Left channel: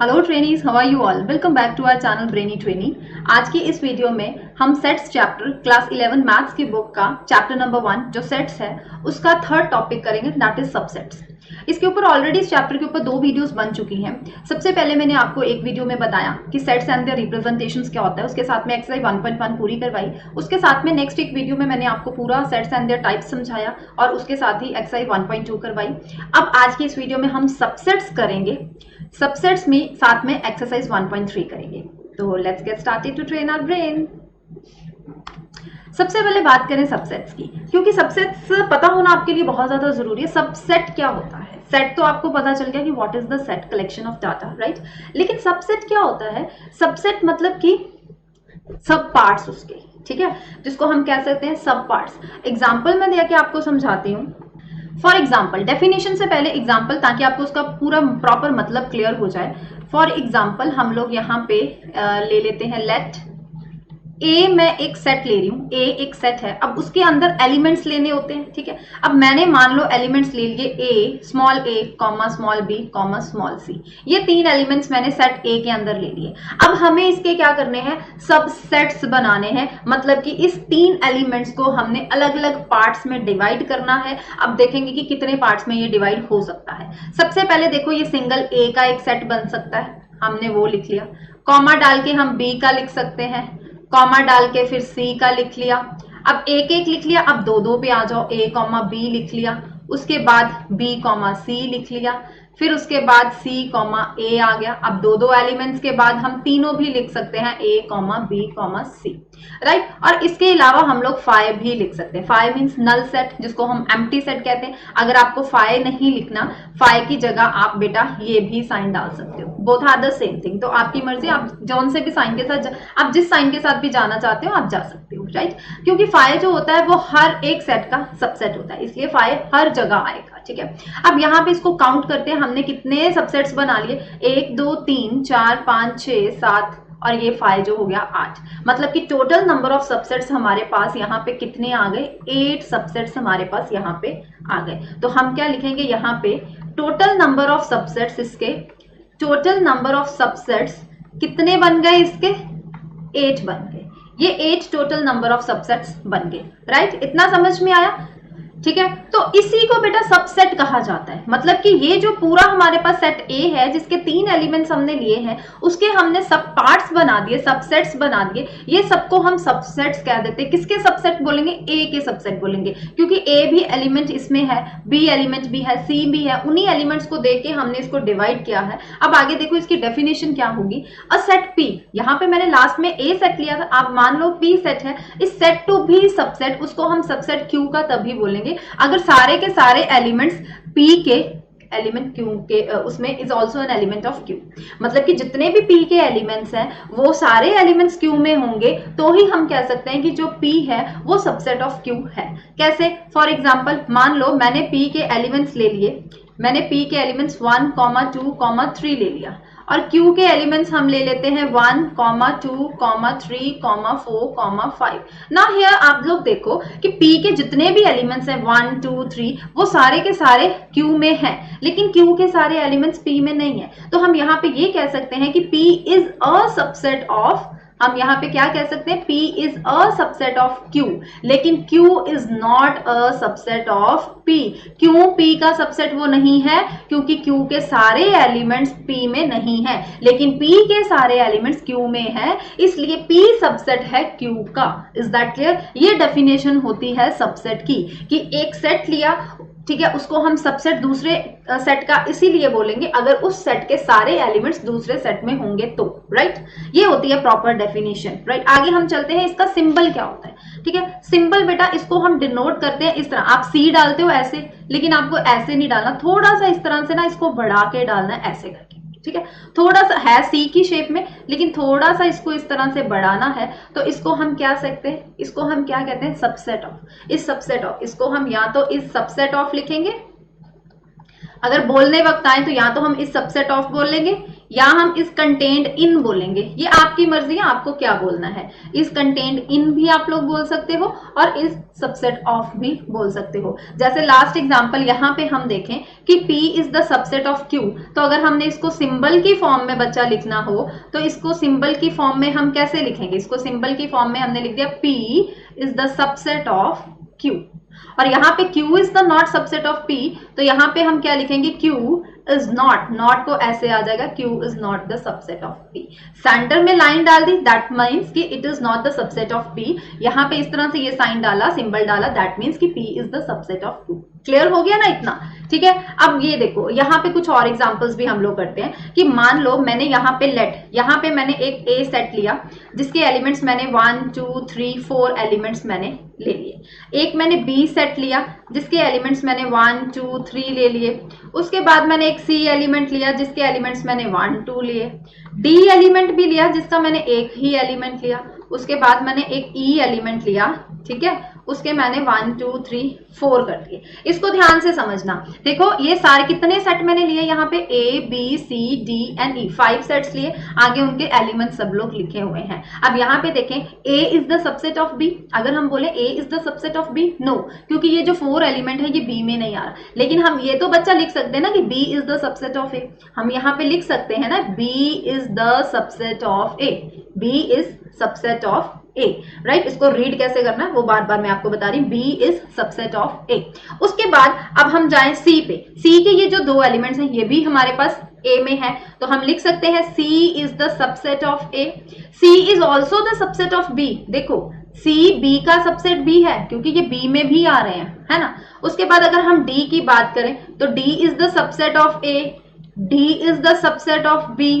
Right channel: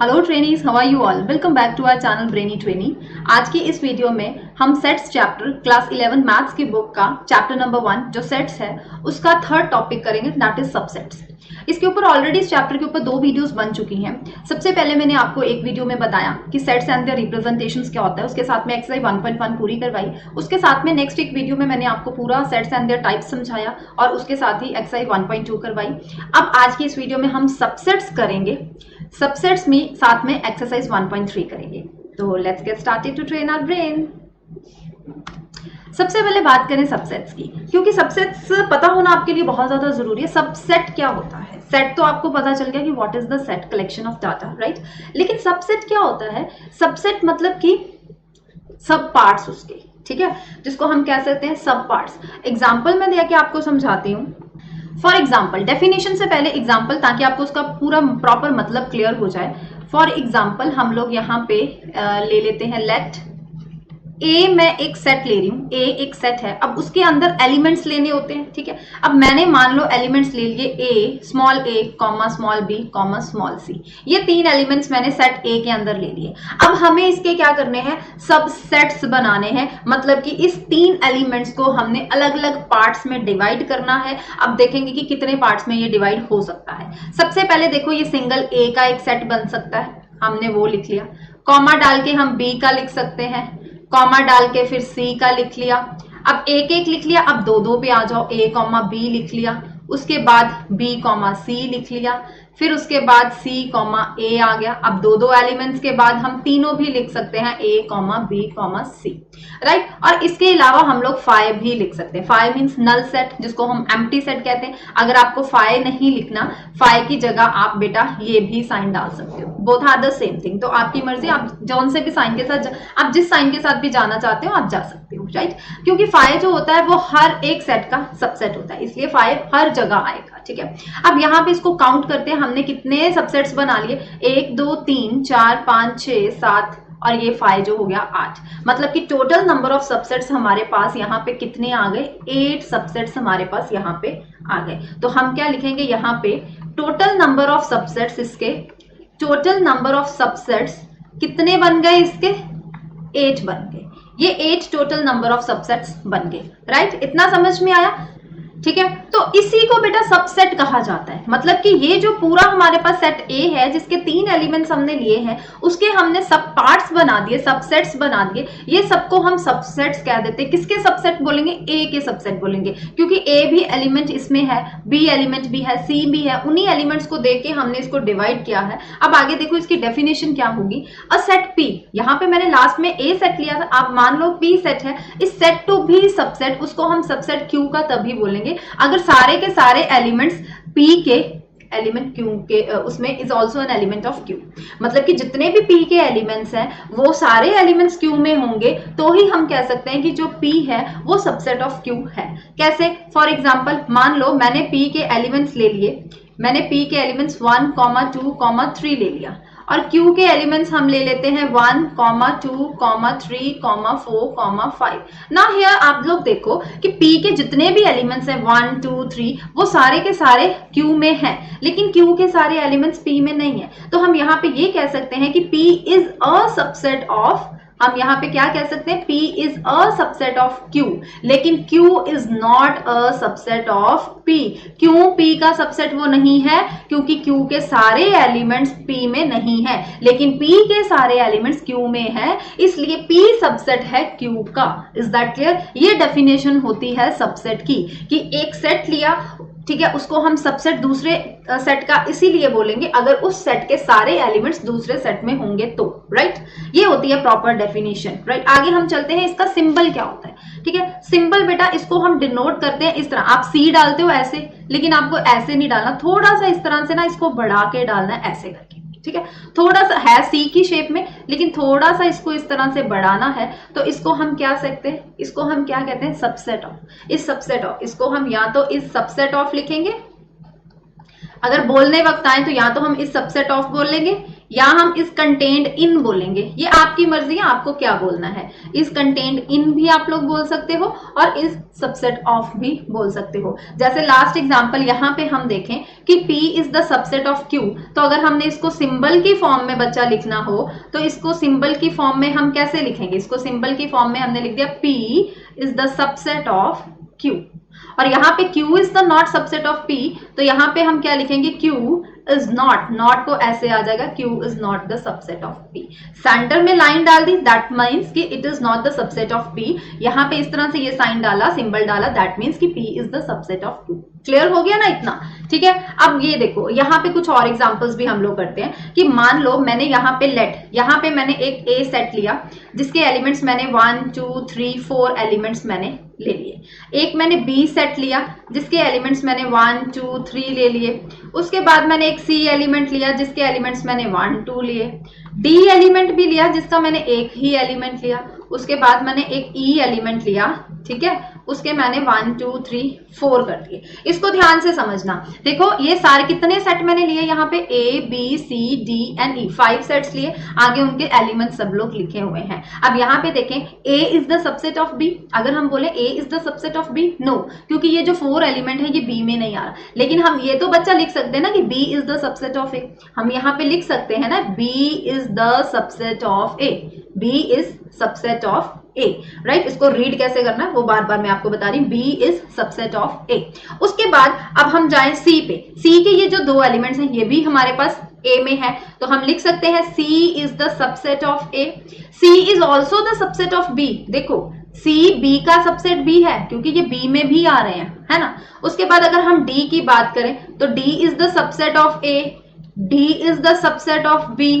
Hello trainees, how are you all? Welcome back to our channel brainy trainee. आज के इस video में हम सेट्स चैप्टर क्लास 11 मैथ्स की बुक का चैप्टर नंबर 1 जो सेट्स है उसका थर्ड टॉपिक करेंगे, दैट इज सबसेट्स। इसके ऊपर ऑलरेडी इस चैप्टर के ऊपर 2 वीडियोस बन चुकी हैं। सबसे पहले मैंने आपको एक वीडियो में बताया कि सेट्स एंड देयर रिप्रेजेंटेशंस क्या होता है, उसके साथ में एक्सरसाइज 1.1 पूरी करवाई। उसके साथ में नेक्स्ट एक वीडियो में मैंने आपको पूरा सेट्स एंड देयर टाइप्स समझाया और उसके साथ ही एक्सरसाइज 1.2 करवाई। अब आज की इस वीडियो में हम सबसेट्स करेंगे। सबसेट्स में साथ में एक्सरसाइज 1.3 करेंगे। तो let's get started to train our brain. सबसे पहले बात करें सबसेट्स की, क्योंकि सबसेट्स पता होना आपके लिए बहुत ज्यादा जरूरी है। सबसेट क्या होता है? सेट तो आपको पता चल गया कि what is the set, collection of data, right. लेकिन सबसेट क्या होता है? सबसेट मतलब कि सब पार्ट्स उसके, ठीक है, जिसको हम कह सकते हैं सब पार्ट्स। एग्जाम्पल में दिया कि आपको समझाती हूँ। फॉर एग्जाम्पल, डेफिनेशन से पहले एग्जाम्पल, ताकि आपको उसका पूरा प्रॉपर मतलब क्लियर हो जाए। फॉर एग्जाम्पल हम लोग यहाँ पे ले लेते हैं लेट ए, मैं एक सेट ले रही हूँ, ए एक सेट है। अब उसके अंदर एलिमेंट्स लेने होते हैं, ठीक है। अब मैंने मान लो एलिमेंट्स ले लिए A comma small B comma small C. ये 3 एलिमेंट्स मैंने सेट ए के अंदर ले लिए। अब हमें इसके क्या करने हैं? सब सेट्स बनाने हैं। मतलब कि इस 3 एलिमेंट्स को हमने अलग अलग पार्ट्स में डिवाइड करना है। अब देखेंगे कि कितने पार्ट्स में ये डिवाइड हो सकता है। सबसे पहले देखो, ये सिंगल ए का एक सेट बन सकता है, हमने वो लिख लिया। कॉमा डाल के हम बी का लिख सकते हैं, कॉमा डाल के फिर सी का लिख लिया। अब एक एक लिख लिया। अब 2 पे आ जाओ, ए कॉमा बी लिख लिया, उसके बाद बी कॉमा सी लिख लिया, फिर उसके बाद सी कॉमा ए आ गया। अब 2 एलिमेंट्स के बाद हम तीनों भी लिख सकते हैं, ए कॉमा बी कॉमा सी, राइट। और इसके अलावा हम लोग फाइव भी लिख सकते हैं। फाइव मीन्स नल सेट, जिसको हम एम्प्टी सेट कहते हैं। अगर आपको फाइव नहीं लिखना, फाइव की जगह आप बेटा ये भी साइन डाल सकते हो। Both are the same thing. तो आपकी मर्जी, आप जोन से भी साइन के साथ, आप जिस साइन के साथ भी जाना चाहते हो आप जा सकते हो, राइट। क्योंकि फाइव जो होता है वो हर एक सेट का सबसेट होता है, इसलिए फाइव हर जगह आएगा, ठीक है। अब यहाँ पे इसको काउंट करते हैं, हमने कितने सबसेट्स बना लिए? 1 2 3 4 5 6 7 और ये 5 जो हो गया 8। मतलब कि टोटल नंबर ऑफ सबसेट्स हमारे पास यहाँ पे कितने आ गए? 8 सबसेट्स हमारे पास यहाँ पे आ गए। तो हम क्या लिखेंगे यहाँ पे? टोटल नंबर ऑफ सबसेट्स, इसके टोटल नंबर ऑफ सबसेट्स कितने बन गए? इसके 8 बन गए। ये 8 टोटल नंबर ऑफ सबसेट्स बन गए, राइट। इतना समझ में आया? ठीक है। तो इसी को बेटा सबसेट कहा जाता है। मतलब कि ये जो पूरा हमारे पास सेट ए है, जिसके 3 एलिमेंट्स हमने लिए हैं, उसके हमने सब पार्ट्स बना दिए, सबसेट्स बना दिए। ये सबको हम सबसेट्स कह देते हैं। किसके सबसेट बोलेंगे? ए के सबसेट बोलेंगे, क्योंकि ए भी एलिमेंट इसमें है, बी एलिमेंट भी है, सी भी है। उन्हीं एलिमेंट्स को देख के हमने इसको डिवाइड किया है। अब आगे देखो इसकी डेफिनेशन क्या होगी। अ सेट पी, यहाँ पे मैंने लास्ट में ए सेट लिया था, आप मान लो पी सेट है। इस सेट टू भी सबसेट, उसको हम सबसेट क्यू का तभी बोलेंगे अगर सारे के सारे एलिमेंट्स P के एलिमेंट Q के उसमें is also an element of Q। मतलब कि जितने भी P के एलिमेंट्स हैं वो सारे एलिमेंट्स Q में होंगे, तो ही हम कह सकते हैं कि जो P है वो सबसेट ऑफ Q है। कैसे? फॉर एग्जाम्पल मान लो मैंने P के एलिमेंट्स ले लिए, मैंने P के एलिमेंट्स 1 2 3 ले लिया, और Q के एलिमेंट्स हम ले लेते हैं 1 2 3 4 5। ना हियर आप लोग देखो कि P के जितने भी एलिमेंट्स हैं 1 2 3 वो सारे के सारे Q में हैं, लेकिन Q के सारे एलिमेंट्स P में नहीं है। तो हम यहाँ पे ये कह सकते हैं कि P is a subset of, हम यहाँ पे क्या कह सकते हैं? P is a subset of Q, लेकिन Q is not a subset of P। क्यों P का सबसेट वो नहीं है? क्योंकि Q के सारे एलिमेंट्स P में नहीं है, लेकिन P के सारे एलिमेंट्स Q में है, इसलिए P सबसेट है Q का। Is that clear? ये डेफिनेशन होती है सबसेट की, कि एक सेट लिया, ठीक है, उसको हम सबसेट दूसरे सेट का इसीलिए बोलेंगे अगर उस सेट के सारे एलिमेंट्स दूसरे सेट में होंगे तो, राइट। ये होती है प्रॉपर डेफिनेशन, राइट। आगे हम चलते हैं, इसका सिंबल क्या होता है, ठीक है। सिंबल बेटा इसको हम डिनोट करते हैं इस तरह। आप सी डालते हो ऐसे, लेकिन आपको ऐसे नहीं डालना, थोड़ा सा इस तरह से ना इसको बढ़ा के डालना है, ऐसे करके, ठीक है। थोड़ा सा है सी की शेप में, लेकिन थोड़ा सा इसको इस तरह से बढ़ाना है। तो इसको हम क्या सकते हैं? इसको हम क्या कहते हैं? Subset of. इस सबसेट ऑफ, इसको हम या तो इस सबसेट ऑफ लिखेंगे, अगर बोलने वक्त आए तो या तो हम इस सबसेट ऑफ बोल लेंगे, या हम इस कंटेंट इन बोलेंगे, ये आपकी मर्जी है आपको क्या बोलना है। इस कंटेंट इन भी आप लोग बोल सकते हो और इस सबसेट ऑफ भी बोल सकते हो। जैसे लास्ट एग्जांपल यहाँ पे हम देखें कि P is the subset of Q, तो अगर हमने इसको सिंबल के फॉर्म में बच्चा लिखना हो तो इसको सिंबल के फॉर्म में हम कैसे लिखेंगे, इसको सिंबल के फॉर्म में हमने लिख दिया P is the subset of Q, और यहाँ पे Q is the not subset of P, तो यहाँ पे हम क्या लिखेंगे Q इज नॉट, नॉट को ऐसे आ जाएगा Q is not the subset of P। Centre में लाइन डाल दी, दैट मीन्स कि it is not the subset of P। यहाँ पे इस तरह से ये साइन डाला, सिंबल डाला, दैट मीन्स कि P is the subset of Q। Clear हो गया ना इतना, ठीक है। अब ये देखो यहाँ पे कुछ और एग्जांपल्स भी हम लोग करते हैं कि मान लो मैंने यहाँ पे यहाँ पे मैंने एक A सेट लिया जिसके एलिमेंट्स मैंने 1 2 3 4 एलिमेंट्स मैंने ले लिए। एक मैंने B सेट लिया जिसके एलिमेंट्स मैंने 1 2 3 ले लिए। उसके बाद मैंने एक C एलिमेंट लिया जिसके एलिमेंट्स मैंने 1 2 लिए। D एलिमेंट भी लिया जिसका मैंने एक ही एलिमेंट लिया। उसके बाद मैंने एक E एलिमेंट लिया, ठीक है, उसके मैंने 1 2 3 4 कर दिए। इसको ध्यान से समझना, देखो ये सारे कितने सेट मैंने लिए यहाँ पे A B C D and E, 5 sets लिए, आगे उनके एलिमेंट सब लोग लिखे हुए हैं। अब यहाँ पे देखें A is the subset of B, अगर हम बोले A is the subset of B, no, क्योंकि ये जो 4 एलिमेंट है ये B में नहीं आ रहा। लेकिन हम ये तो बच्चा लिख सकते हैं ना कि B is the subset of A, हम यहाँ पे लिख सकते हैं ना B is the subset of A, B is subset of A, right. इसको रीड कैसे करना है वो बार बार मैं आपको बता रही हूँ, B is subset of A। उसके बाद अब हम जाएं C पे। C के ये जो 2 एलिमेंट्स हैं ये भी हमारे पास A में है, तो हम लिख सकते हैं C is the subset of A। C is also the subset of B, देखो C B का सबसेट B है क्योंकि ये B में भी आ रहे हैं, है ना। उसके बाद अगर हम D की बात करें तो D is the subset of A, D is the subset of B,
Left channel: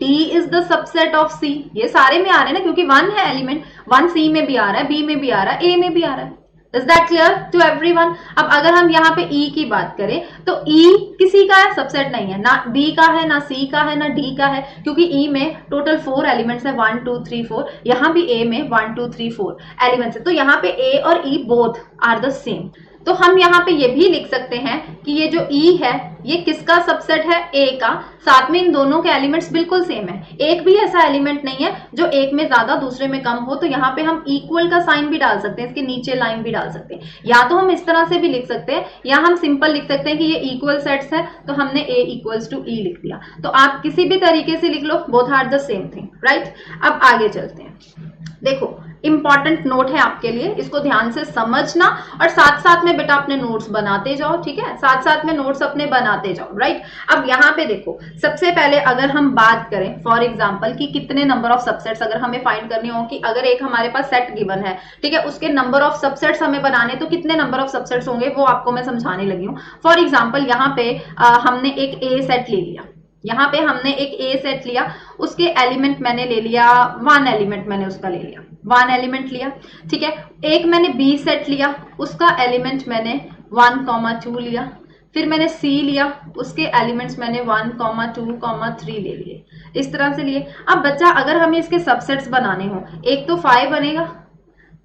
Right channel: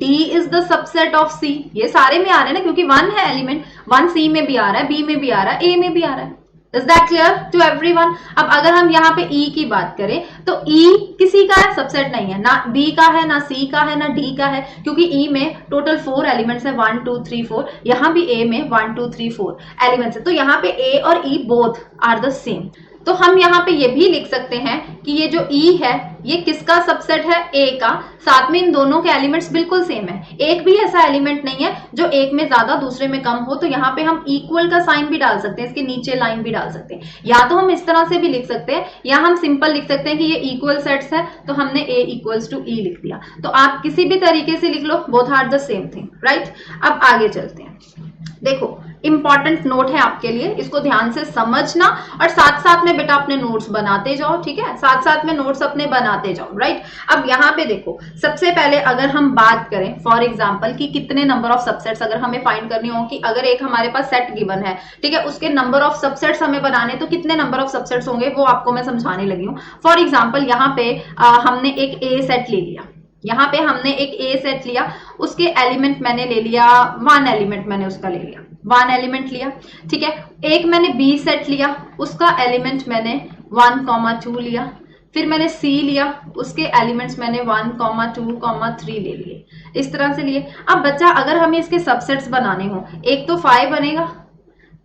D is the subset of C। ये सारे में आ रहे हैं ना क्योंकि 1 है एलिमेंट, 1 C में भी आ रहा है, B में भी आ रहा है, A में भी आ रहा है। Is that clear to everyone? अब अगर हम यहाँ पे E की बात करें तो E किसी का सबसेट नहीं है, ना B का है, ना C का है, ना D का है, क्योंकि E में टोटल 4 एलिमेंट्स है, 1 2 3 4, यहाँ भी A में 1 2 3 4 एलिमेंट्स है, तो यहाँ पे A और E both are the same. तो हम यहाँ पे ये भी लिख सकते हैं कि ये जो E है ये किसका सबसेट है, A का, साथ में इन दोनों के एलिमेंट्स बिल्कुल सेम है। एक भी ऐसा एलिमेंट नहीं है जो एक में ज्यादा दूसरे में कम हो, तो यहाँ पे हम इक्वल का साइन भी डाल सकते हैं, इसके नीचे लाइन भी डाल सकते हैं, या तो हम इस तरह से भी लिख सकते हैं या हम सिंपल लिख सकते हैं कि ये इक्वल सेट्स है तो हमने A इक्वल्स टू E लिख दिया। तो आप किसी भी तरीके से लिख लो, both are the same thing, right. अब आगे चलते हैं, देखो इंपॉर्टेंट नोट है आपके लिए, इसको ध्यान से समझना और साथ साथ में बेटा अपने नोट्स बनाते जाओ, ठीक है, साथ साथ में नोट्स अपने बनाते जाओ, राइट। अब यहाँ पे देखो सबसे पहले अगर हम बात करें फॉर एग्जांपल कि कितने नंबर ऑफ सबसेट्स अगर हमें फाइंड करने हो, कि अगर एक हमारे पास सेट गिवन है, ठीक है, उसके नंबर ऑफ सबसेट्स हमें बनाने, तो कितने नंबर ऑफ सबसेट्स होंगे वो आपको मैं समझाने लगी हूँ। फॉर एग्जाम्पल यहाँ पे हमने एक A सेट ले लिया, यहाँ पे हमने एक A सेट लिया, उसके एलिमेंट मैंने ले लिया 1 एलिमेंट मैंने उसका ले लिया, 1 एलिमेंट लिया, ठीक है। एक मैंने B सेट लिया, उसका एलिमेंट मैंने 1 2 लिया, फिर मैंने C लिया, उसके एलिमेंट्स मैंने 1 2 3 ले लिए, इस तरह से लिए। अब बच्चा अगर हमें इसके सबसेट्स बनाने हो, एक तो 5 बनेगा,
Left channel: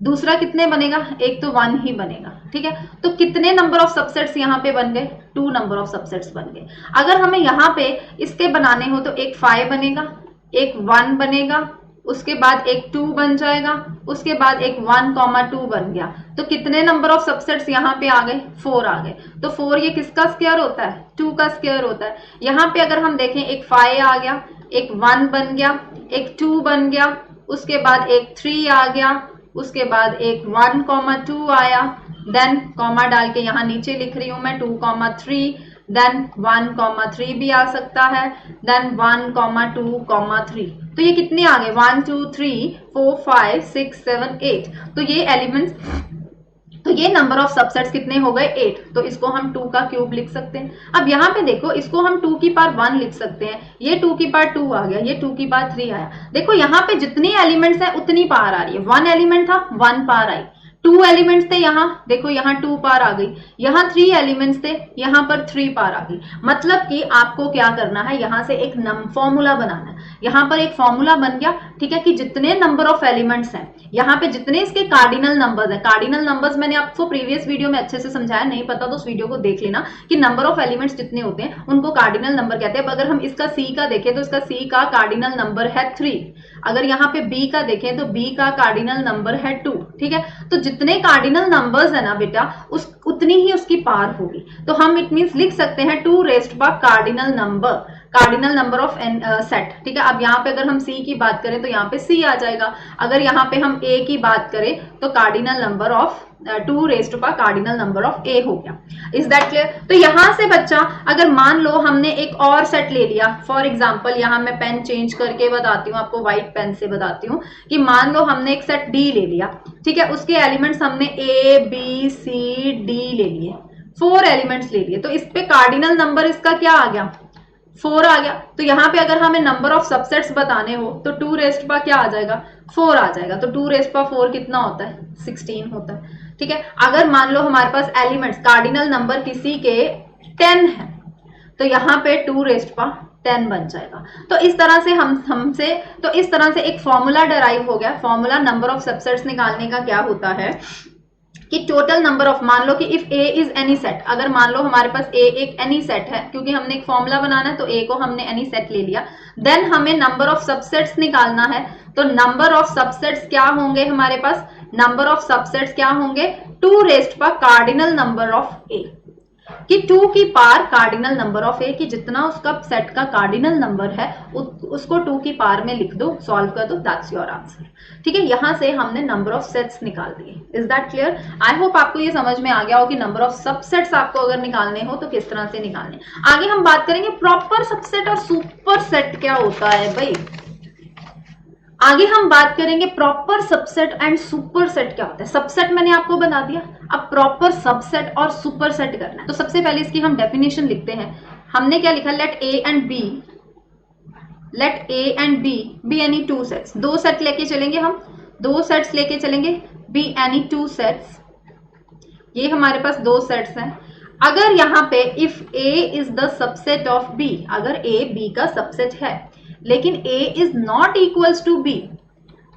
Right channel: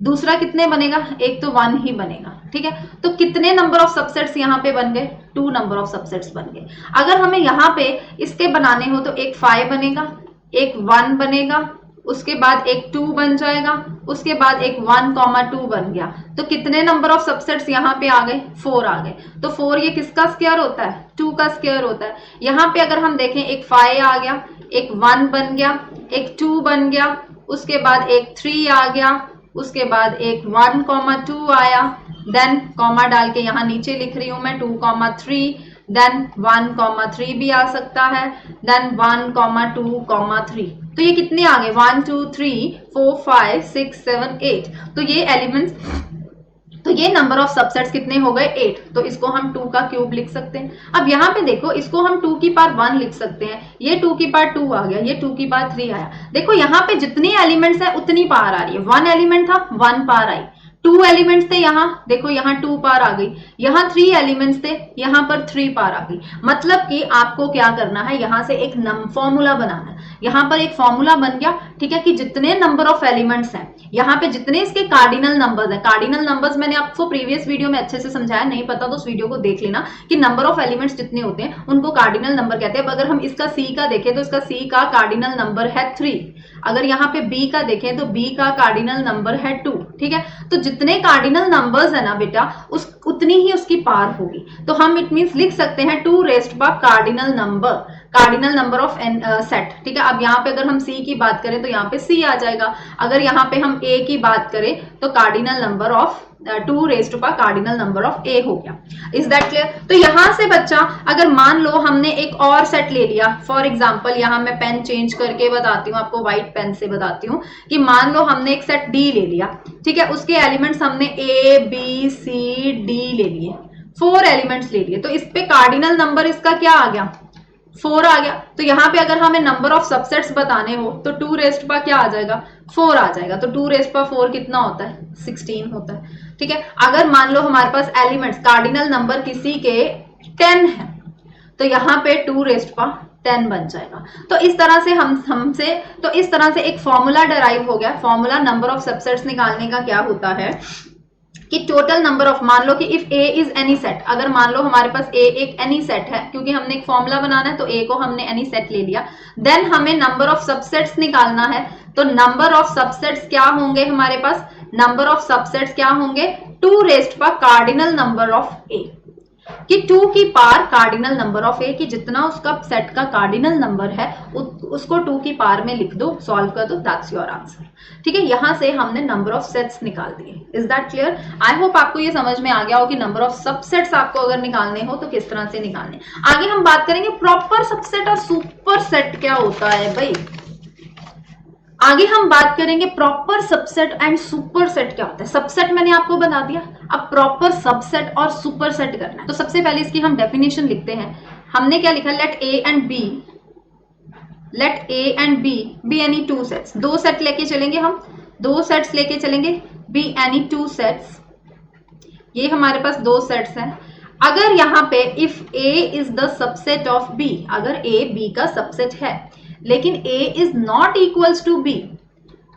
दूसरा कितने बनेगा, एक तो 1 ही बनेगा, ठीक है। तो कितने नंबर ऑफ सबसेट्स यहाँ पे बन गए, 2 नंबर ऑफ सबसेट्स बन गए। अगर हमें यहाँ पे इसके बनाने हो तो एक 5 बनेगा, एक 1 बनेगा, उसके बाद एक 2 बन जाएगा, उसके बाद एक 1 2 बन गया, तो कितने नंबर ऑफ सबसेट्स यहाँ पे आ गए, 4 आ गए। तो 4 ये किसका स्क्वायर होता है, 2 का स्क्वायर होता है। यहाँ पे अगर हम देखें एक 5 आ गया, एक 1 बन गया, एक 2 बन गया, उसके बाद एक 3 आ गया, उसके बाद एक 1 2 आया, देन कॉमा डाल के यहाँ नीचे लिख रही हूँ मैं 2 3, देन 1 3 भी आ सकता है, देन 1 2 3। तो ये कितने आ गए, 1 2 3 4 5 6 7 8। तो ये एलिमेंट्स, तो ये नंबर ऑफ सबसेट्स कितने हो गए, 8। तो इसको हम 2 का क्यूब लिख सकते हैं। अब यहाँ पे देखो इसको हम 2 की पावर 1 लिख सकते हैं, ये 2 की पावर 2 आ गया, ये 2 की पावर 3 आया। देखो यहाँ पे जितनी एलिमेंट्स है उतनी पावर आ रही है, 1 एलिमेंट था 1 पावर आई, 2 एलिमेंट्स थे, यहाँ देखो यहाँ 2 पार आ गई, यहाँ 3 एलिमेंट्स थे, यहाँ पर 3 पार आ गई। मतलब कि आपको क्या करना है, यहाँ से एक फॉर्मूला बनाना है। यहाँ पर एक फॉर्मूला बन गया, ठीक है, कि जितने नंबर ऑफ एलिमेंट्स हैं, यहाँ पे जितने इसके कार्डिनल नंबर्स है, कार्डिनल नंबर्स मैंने आपको प्रीवियस वीडियो में अच्छे से समझाया, नहीं पता तो उस वीडियो को देख लेना, कि नंबर ऑफ एलिमेंट्स जितने होते हैं उनको कार्डिनल नंबर कहते हैं। अगर हम इसका सी का देखें तो इसका सी का कार्डिनल नंबर है 3। अगर यहाँ पे बी का देखें तो बी का कार्डिनल नंबर है 2, ठीक है। तो जितने कार्डिनल नंबर्स है ना बेटा, उतनी ही उसकी पार होगी। तो हम इट मींस लिख सकते हैं 2 raised by cardinal number of set, ठीक है। अब यहाँ पे अगर हम सी की बात करें तो यहाँ पे सी आ जाएगा। अगर यहाँ पे हम ए की बात करें तो cardinal number of 2 raised by cardinal number of A हो गया। Is that clear? तो यहाँ से बच्चा, अगर मान लो हमने एक और सेट ले लिया, फॉर एग्जांपल यहाँ मैं पेन चेंज करके बताती हूँ आपको, व्हाइट पेन से बताती हूँ, कि मान लो हमने एक सेट डी ले लिया, ठीक है, उसके एलिमेंट्स हमने ए बी सी डी ले लिए, 4 एलिमेंट्स ले लिए। तो इस पे कार्डिनल नंबर इसका क्या आ गया, 4 आ गया। तो यहाँ पे अगर हमें नंबर ऑफ सबसेट्स बताने हो तो 2 रेज्ड बाय क्या आ जाएगा, 4 आ जाएगा। तो 2 रेज्ड बाय 4 कितना होता है, 16 होता है, ठीक है। अगर मान लो हमारे पास एलिमेंट्स कार्डिनल नंबर किसी के 10 है, तो यहाँ पे 2 रेज्ड बाय 10 बन जाएगा। तो इस तरह से तो इस तरह से एक फॉर्मूला डराइव हो गया। फॉर्मूला नंबर ऑफ सबसेट्स निकालने का क्या होता है कि टोटल नंबर ऑफ, मान लो कि if A is any set, अगर मान लो हमारे पास ए एक एनी सेट है, क्योंकि हमने एक फॉर्मूला बनाना है तो ए को हमने एनी सेट ले लिया, देन हमें नंबर ऑफ सबसेट्स निकालना है। तो नंबर ऑफ सबसेट्स क्या होंगे हमारे पास, नंबर ऑफ सबसेट्स क्या होंगे, 2 raised by cardinal number of A, कि 2 की पार कार्डिनल नंबर ऑफ ए, कि जितना उसका सेट का कार्डिनल नंबर है उसको 2 की पार में लिख दो, सॉल्व कर दो, दैट्स योर आंसर, ठीक है। यहां से हमने नंबर ऑफ सेट्स निकाल दिए। Is that clear? I hope आपको ये समझ में आ गया हो कि नंबर ऑफ सबसेट्स आपको अगर निकालने हो तो किस तरह से निकालने। आगे हम बात करेंगे प्रॉपर सबसेट और सुपर सेट क्या होता है भाई। आगे हम बात करेंगे proper subset and super set क्या होता है। सबसेट मैंने आपको बता दिया, अब प्रॉपर सबसेट और सुपर सेट करना है। तो सबसे पहले इसकी हम डेफिनेशन लिखते हैं। हमने क्या लिखा, let A and B be any 2 sets, 2 set लेके चलेंगे हम, 2 सेट्स लेके चलेंगे, बी एनी 2 सेट्स, ये हमारे पास 2 सेट्स हैं। अगर यहाँ पे if A is the subset of B, अगर ए बी का सबसेट है लेकिन a is not equals to b,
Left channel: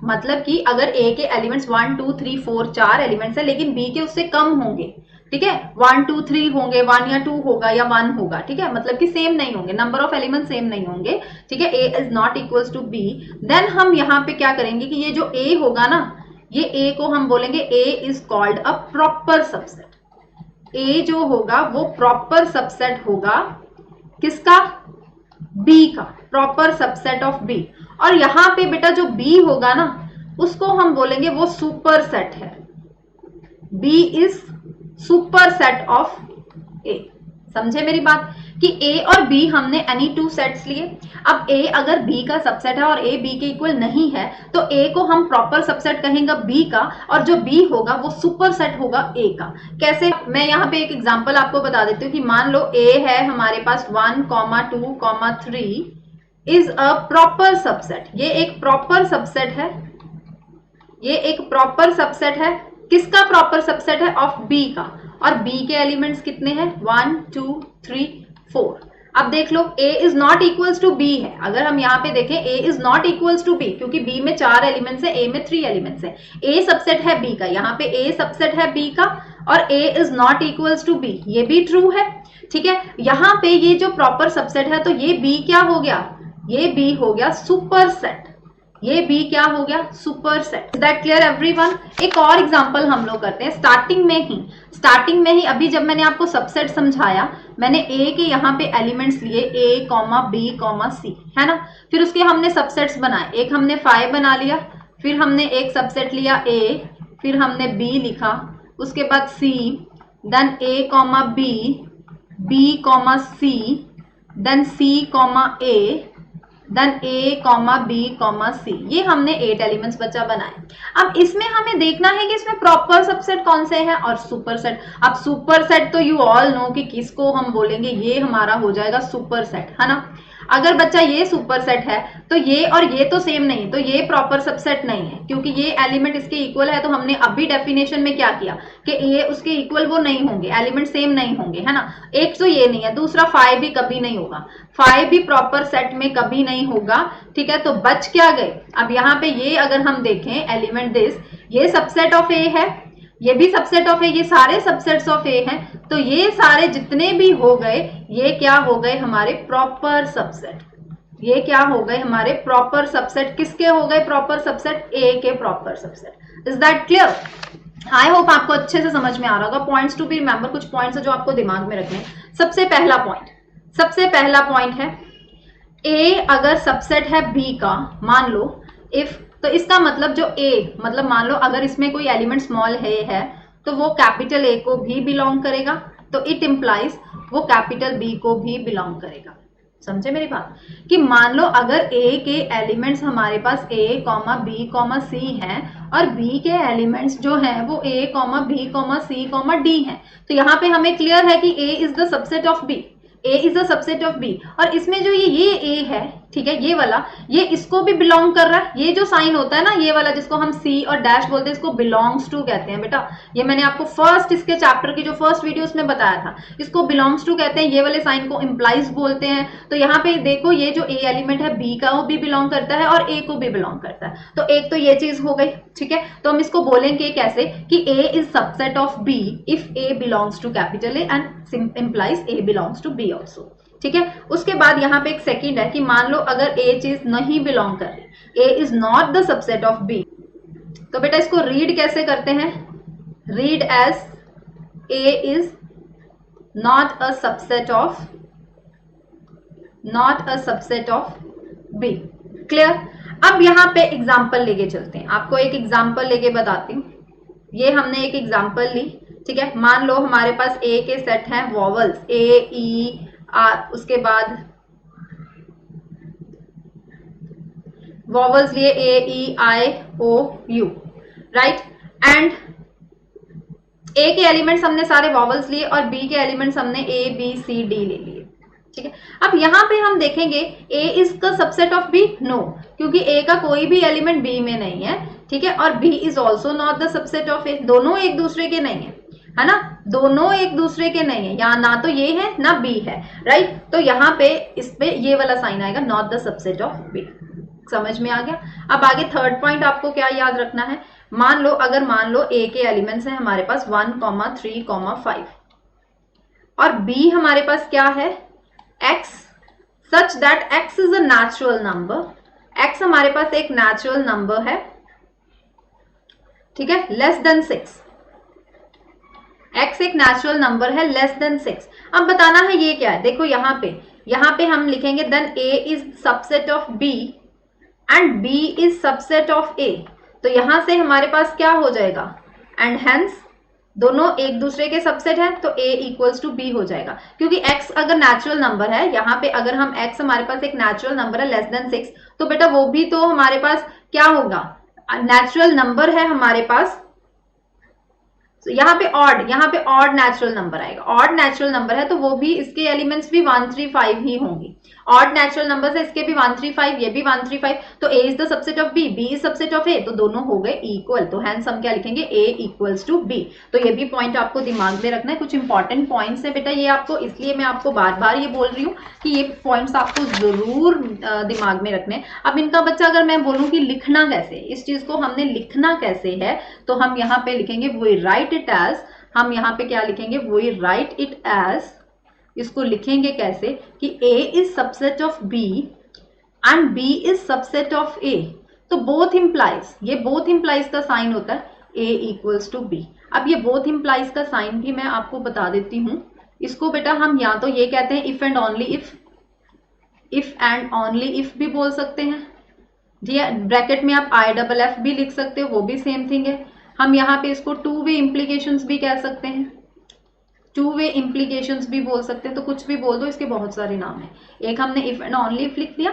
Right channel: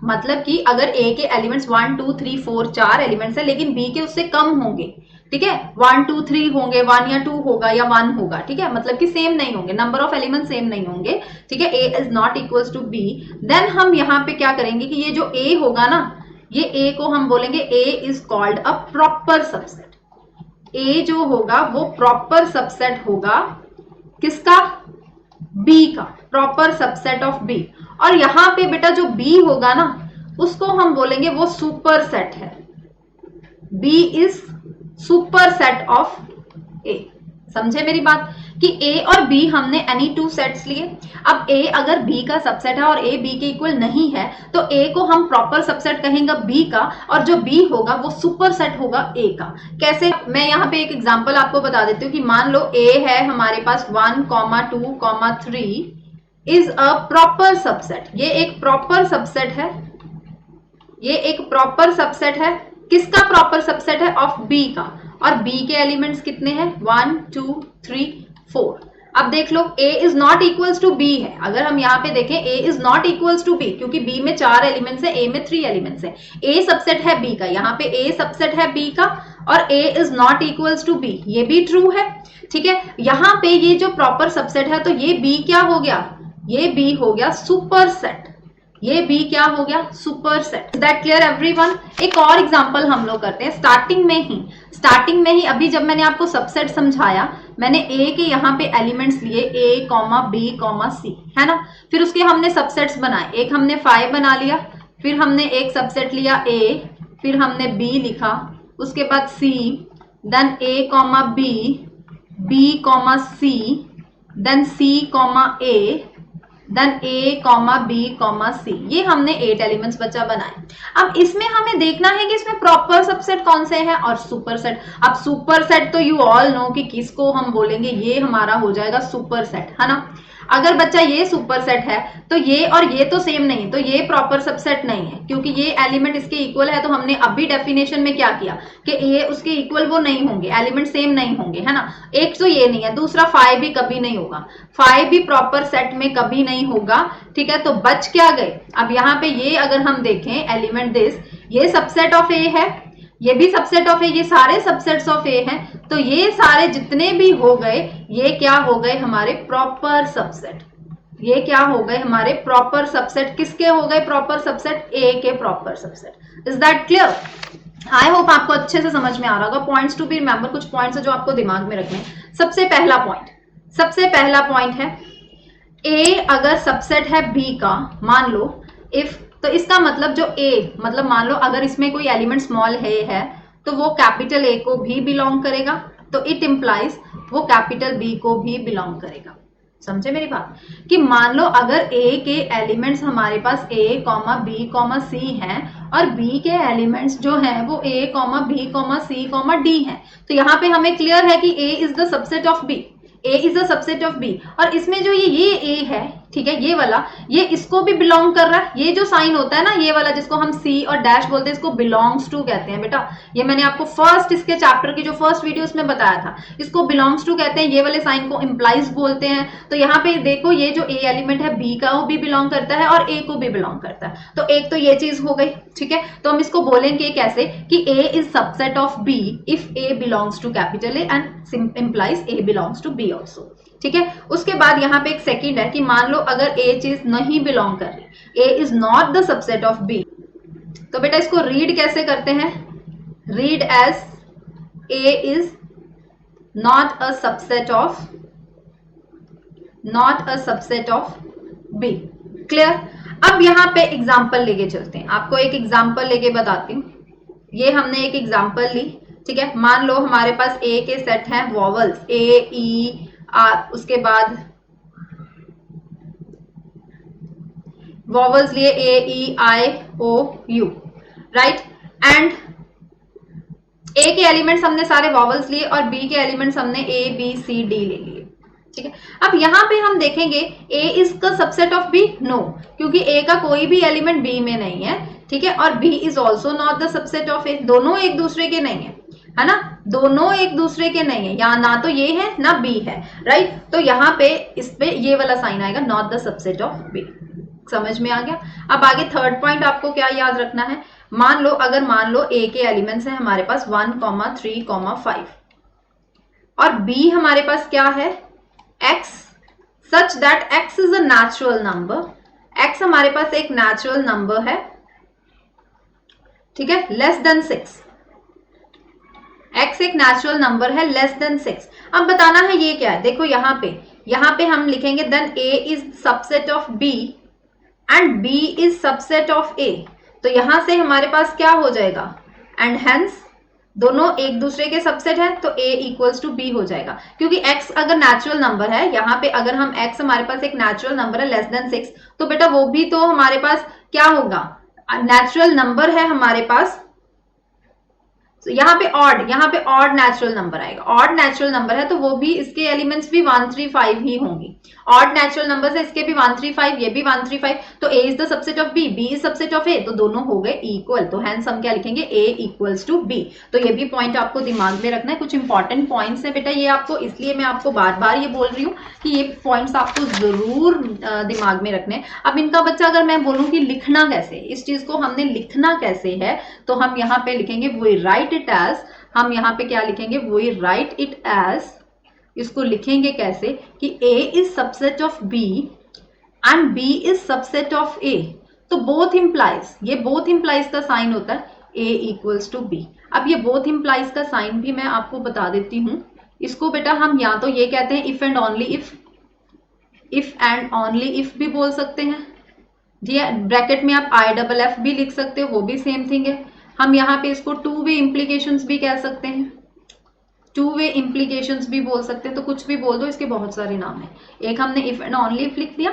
मतलब कि अगर a के एलिमेंट्स 1 2 3 4 4 एलिमेंट्स है लेकिन b के उससे कम होंगे, ठीक है, 1 2 3 होंगे, 1 या 2 होगा या 1 होगा, ठीक है, मतलब कि सेम नहीं होंगे, नंबर ऑफ एलिमेंट सेम नहीं होंगे, ठीक है, a is not equals to b, then हम यहाँ पे क्या करेंगे कि ये जो a होगा ना, ये a को हम बोलेंगे a is called a proper subset. a जो होगा वो प्रॉपर सबसेट होगा किसका, B का, प्रॉपर सबसेट ऑफ B। और यहाँ पे बेटा जो B होगा ना उसको हम बोलेंगे वो सुपर सेट है, B is super set of A। समझे मेरी बात कि A और B हमने एनी 2 सेट्स लिए। अब A अगर B का सबसेट है और A B के इक्वल नहीं है तो A को हम प्रॉपर सबसेट कहेंगे B का, और जो B होगा वो सुपर सेट होगा A का। कैसे, मैं यहाँ पे एक एग्जांपल आपको बता देती हूँ कि मान लो A है हमारे पास 1, 2, 3 इज अ प्रॉपर सबसेट। ये एक प्रॉपर सबसेट है, ये एक प्रॉपर सबसेट है, किसका प्रॉपर सबसेट है, ऑफ B का। और B के एलिमेंट्स कितने हैं, 1 2 3 4। अब देख लो A is not equals to B है। अगर हम यहाँ पे देखें A is not equals to B, क्योंकि B में 4 एलिमेंट्स है, A में 3 एलिमेंट्स है। A सबसेट है B का, यहाँ पे A सबसेट है B का, और A is not equals to B, ये भी ट्रू है, ठीक है। यहाँ पे ये जो प्रॉपर सबसेट है तो ये B क्या हो गया, ये B हो गया सुपर सेट, ये B क्या हो गया, super set. Is that clear everyone? एक और एग्जांपल हम लोग करते हैं स्टार्टिंग में ही अभी जब मैंने आपको सबसेट समझाया, मैंने A के यहाँ पे एलिमेंट्स लिए A, B, C, है ना। फिर उसके हमने सबसेट्स बनाए, एक हमने 5 बना लिया, फिर हमने एक सबसेट लिया A, फिर हमने B लिखा, उसके बाद C, then A, B, C, then C, A, then A, B, C, ये हमने 8 एलिमेंट्स बच्चा बनाए। अब इसमें हमें देखना है कि इसमें प्रॉपर सबसेट कौन से हैं और सुपर सेट। अब सुपर सेट तो यू ऑल नो कि किसको हम बोलेंगे, ये हमारा हो जाएगा सुपर सेट, है ना। अगर बच्चा ये सुपर सेट है तो ये और ये तो सेम नहीं है, तो ये प्रॉपर सबसेट नहीं है, क्योंकि ये एलिमेंट इसके इक्वल है। तो हमने अभी डेफिनेशन में क्या किया कि ए उसके इक्वल वो नहीं होंगे, एलिमेंट सेम नहीं होंगे, है ना। एक तो ये नहीं है, दूसरा 5 भी कभी नहीं होगा, 5 भी प्रॉपर सेट में कभी नहीं होगा, ठीक है। तो बच क्या गई, अब यहाँ पे ये अगर हम देखें एलिमेंट दिस, ये सबसेट ऑफ ए है, ये भी सबसेट ऑफ ए, ये सारे सबसेट्स ऑफ ए है। तो ये सारे जितने भी हो गए ये क्या हो गए हमारे प्रॉपर सबसेट, ये क्या हो गए हमारे प्रॉपर सबसेट। किसके हो गए प्रॉपर सबसेट, ए के proper subset. Is that clear? I hope आपको अच्छे से समझ में आ रहा होगा। पॉइंट्स टू बी रिमेंबर, कुछ पॉइंट्स है जो आपको दिमाग में रखने हैं। सबसे पहला पॉइंट है ए अगर सबसेट है बी का, मान लो इफ, तो इसका मतलब जो ए मतलब मान लो अगर इसमें कोई एलिमेंट स्मॉल है तो वो कैपिटल ए को भी बिलोंग करेगा, तो इट इंप्लाइज वो कैपिटल बी को भी बिलोंग करेगा। समझे मेरी बात? कि मान लो अगर ए के एलिमेंट्स हमारे पास a, b, c हैं और b के एलिमेंट्स जो हैं वो a, b, c, d हैं, तो यहाँ पे हमें क्लियर है कि a is the subset of b, a is the subset of b। और इसमें जो ये a है, ठीक है, ये वाला, ये इसको भी बिलोंग कर रहा है। ये जो साइन होता है ना ये वाला जिसको हम c और डैश बोलते हैं, इसको बिलोंग्स टू कहते हैं बेटा। ये मैंने आपको फर्स्ट इसके चैप्टर की जो फर्स्ट वीडियो उसमें बताया था, इसको बिलोंग्स टू कहते हैं। ये वाले साइन को इम्प्लाइज बोलते हैं। तो यहाँ पे देखो ये जो a एलिमेंट है b का वो भी बिलोंग करता है और a को भी बिलोंग करता है। तो एक तो ये चीज हो गई, ठीक है। तो हम इसको बोलेंगे कैसे कि a is subset of b if a belongs to capital A and implies a belongs to b also, ठीक है। उसके बाद यहाँ पे एक सेकंड है कि मान लो अगर a चीज नहीं बिलोंग कर रही, a is not the subset of b, तो बेटा इसको रीड कैसे करते हैं, read as a is not a subset of b। Clear? अब यहाँ पे एग्जाम्पल लेके चलते हैं, आपको एक एग्जाम्पल लेके बताती हूँ। ये हमने एक एग्जाम्पल ली, ठीक है। मान लो हमारे पास a के सेट हैं वॉवल्स a, e, उसके बाद वॉवल्स लिए a, e, i, o, u, right. And a के एलिमेंट्स हमने सारे वॉवल्स लिए और b के एलिमेंट्स हमने a, b, c, d ले लिए, ठीक है। अब यहाँ पे हम देखेंगे a is the subset of b, no, क्योंकि a का कोई भी एलिमेंट b में नहीं है, ठीक है। और b is also not the subset of a, दोनों एक दूसरे के नहीं है ना, दोनों एक दूसरे के नहीं है, यहाँ ना तो ये है ना b है, राइट। तो यहाँ पे इस पे ये वाला साइन आएगा, not the subset of b। समझ में आ गया? अब आगे थर्ड पॉइंट आपको क्या याद रखना है, मान लो a के एलिमेंट्स है हमारे पास 1, 3, 5 और b हमारे पास क्या है x, such that x is a natural number, x हमारे पास एक नेचुरल नंबर है, ठीक है, लेस देन 6। x एक नेचुरल नंबर है लेस देन 6। अब बताना है ये क्या है, देखो यहाँ पे हम लिखेंगे then a is subset of b and b is subset of a। तो यहां से हमारे पास क्या हो जाएगा, एंड हेंस दोनों एक दूसरे के सबसेट हैं, तो a इक्वल्स टू b हो जाएगा। क्योंकि x अगर नेचुरल नंबर है, यहाँ पे अगर हम x हमारे पास एक नेचुरल नंबर है लेस देन 6, तो बेटा वो भी तो हमारे पास क्या होगा, नेचुरल नंबर है हमारे पास। तो यहाँ पे ऑड नेचुरल नंबर आएगा, ऑड नेचुरल नंबर है तो वो भी इसके एलिमेंट्स भी 135 ही होंगे। ऑड नेचुरल नंबर से इसके भी 135, ये भी 135, तो a is the subset of b, b is subset of a, तो दोनों हो गए इक्वल। तो हेंस हम क्या लिखेंगे, a इक्वल्स टू b। तो ये भी पॉइंट आपको दिमाग में रखना है, कुछ इंपॉर्टेंट पॉइंट्स है बेटा ये आपको, इसलिए मैं आपको बार बार ये बोल रही हूँ कि ये पॉइंट्स आपको जरूर दिमाग में रखने। अब इनका बच्चा अगर मैं बोलूँ कि लिखना कैसे, इस चीज को हमने लिखना कैसे है, तो हम यहाँ पे लिखेंगे वो राइट इट एज, हम यहाँ पे क्या लिखेंगे, वो राइट इट एज, इसको लिखेंगे कैसे कि a is subset of b and b is subset of a। तो बोथ इंप्लाइज, ये बोथ इंप्लाइज का साइन होता है a इक्वल्स टू b। अब ये बोथ इंप्लाइज का साइन भी मैं आपको बता देती हूँ। इसको बेटा हम या तो ये कहते हैं इफ एंड ओनली इफ भी बोल सकते हैं जी, ब्रैकेट में आप IFF भी लिख सकते हो, वो भी सेम थिंग है। हम यहाँ पे इसको टू वे इम्प्लीकेशंस भी कह सकते हैं, टू वे इम्प्लीकेशंस भी बोल सकते हैं, तो कुछ भी बोल दो, इसके बहुत सारे नाम है। एक हमने इफ एंड ओनली इफ लिख दिया,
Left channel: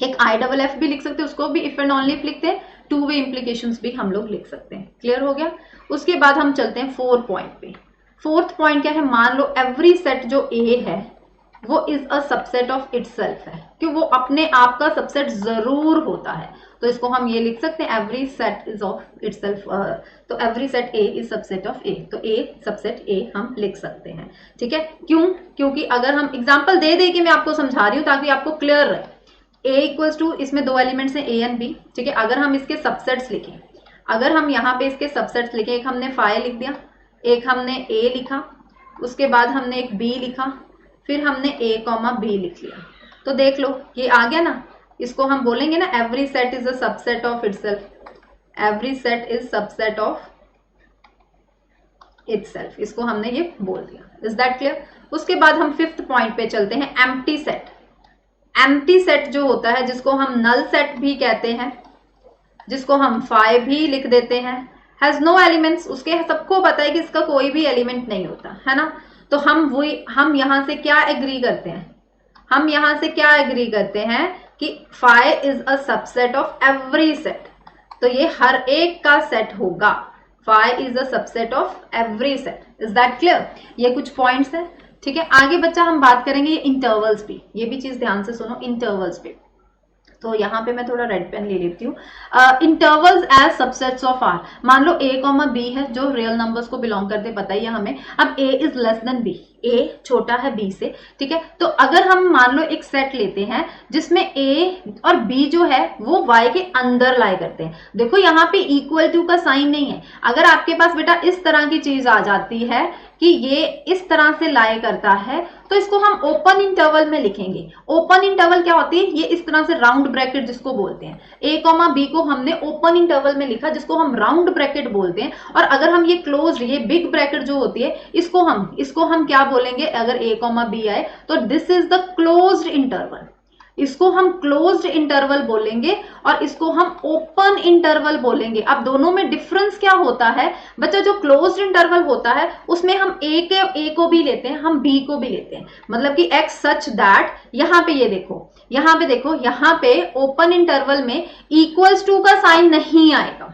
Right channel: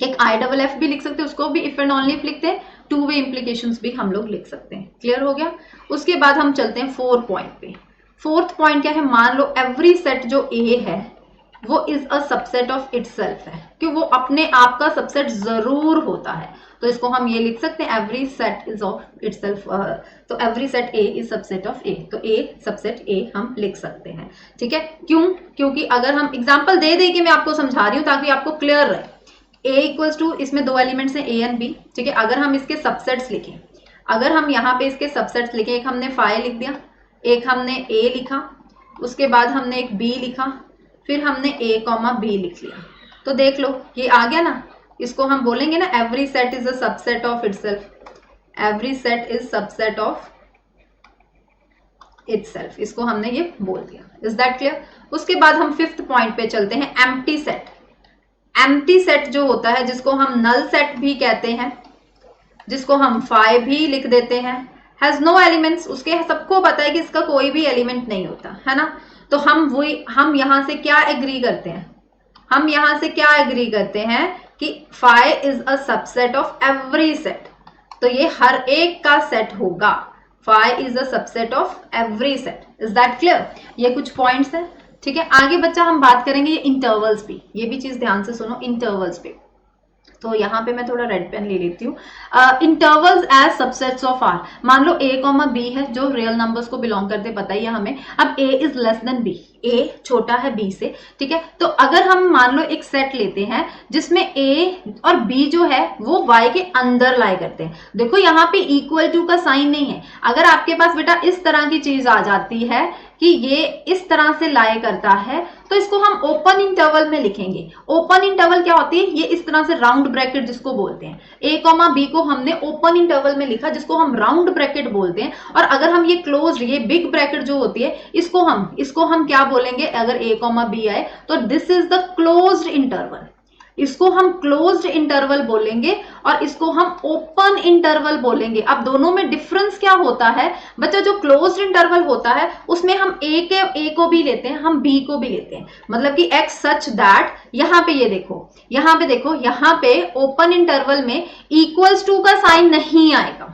एक IFF भी लिख सकते हैं, उसको भी इफ एंड ओनली इफ लिखते हैं, टू वे इम्प्लीकेशंस भी हम लोग लिख सकते हैं। क्लियर हो गया? उसके बाद हम चलते हैं फोर्थ पॉइंट पे। फोर्थ पॉइंट क्या है, मान लो एवरी सेट जो A है, वो is a subset of itself है, कि वो अपने आप का सबसेट जरूर होता है। तो इसको हम ये लिख सकते हैं, every set is of itself, तो every set A is subset of A, तो ए सबसेट ए हम लिख सकते हैं। ठीक है, क्यों? क्योंकि अगर हम एग्जांपल दे दे के मैं आपको समझा रही हूँ ताकि आपको क्लियर रहे। ए इक्वल्स टू, इसमें दो एलिमेंट्स है ए एंड बी, ठीक है। अगर हम इसके सबसेट्स लिखें, अगर हम यहाँ पे इसके सबसेट्स लिखे, एक हमने फाइव लिख दिया, एक हमने ए लिखा, उसके बाद हमने एक बी लिखा, फिर हमने ए कॉमा बी लिख लिया, तो देख लो ये आ गया ना। इसको हम बोलेंगे ना every set is a subset of itself, every set is subset of itself, इसको हमने ये बोल दिया। Is that clear? उसके बाद हम फिफ्थ पॉइंट पे चलते हैं, एम्प्टी सेट। एम्प्टी सेट जो होता है, जिसको हम नल सेट भी कहते हैं, जिसको हम फाइव भी लिख देते हैं, हैज नो एलिमेंट्स, उसके सबको पता है कि इसका कोई भी एलिमेंट नहीं होता है ना। तो हम यहाँ से क्या एग्री करते हैं, हम यहाँ से क्या एग्री करते हैं कि five is a subset of every set, तो ये हर एक का सेट होगा, five is a subset of every set. Is that clear? ये कुछ पॉइंट्स है, ठीक है। आगे बच्चा हम बात करेंगे इंटरवल्स पे, ये भी चीज ध्यान से सुनो, इंटरवल्स पे। तो यहाँ पे मैं थोड़ा रेड पेन ले लेती हूँ। Intervals as subsets of R, मान लो a कॉमा b है जो रियल नंबर्स को बिलोंग करते, पता ही है हमें। अब a is less than b, a छोटा है b से, ठीक है। तो अगर हम मान लो एक सेट लेते हैं जिसमें a और b जो है वो y के अंदर लाई करते हैं, देखो यहाँ पे इक्वल टू का साइन नहीं है। अगर आपके पास बेटा इस तरह की चीज आ जाती है कि ये इस तरह से लाई करता है, तो इसको हम ओपन इंटरवल में लिखेंगे। ओपन इंटरवल क्या होती है? ये इस तरह से राउंड ब्रैकेट जिसको बोलते हैं, a कॉमा b को हमने ओपन इंटरवल में लिखा जिसको हम राउंड ब्रैकेट बोलते हैं। और अगर हम ये क्लोज, ये बिग ब्रैकेट जो होती है, इसको हम क्या बोलेंगे? अगर a कॉमा b आए तो this is the closed interval, इसको हम क्लोज्ड इंटरवल बोलेंगे और इसको हम ओपन इंटरवल बोलेंगे। अब दोनों में डिफरेंस क्या होता है बच्चा? जो क्लोज्ड इंटरवल होता है उसमें हम ए को भी लेते हैं, हम बी को भी लेते हैं, मतलब कि एक्स सच दैट, यहाँ पे ये देखो, यहाँ पे ओपन इंटरवल में इक्वल्स टू का साइन नहीं आएगा,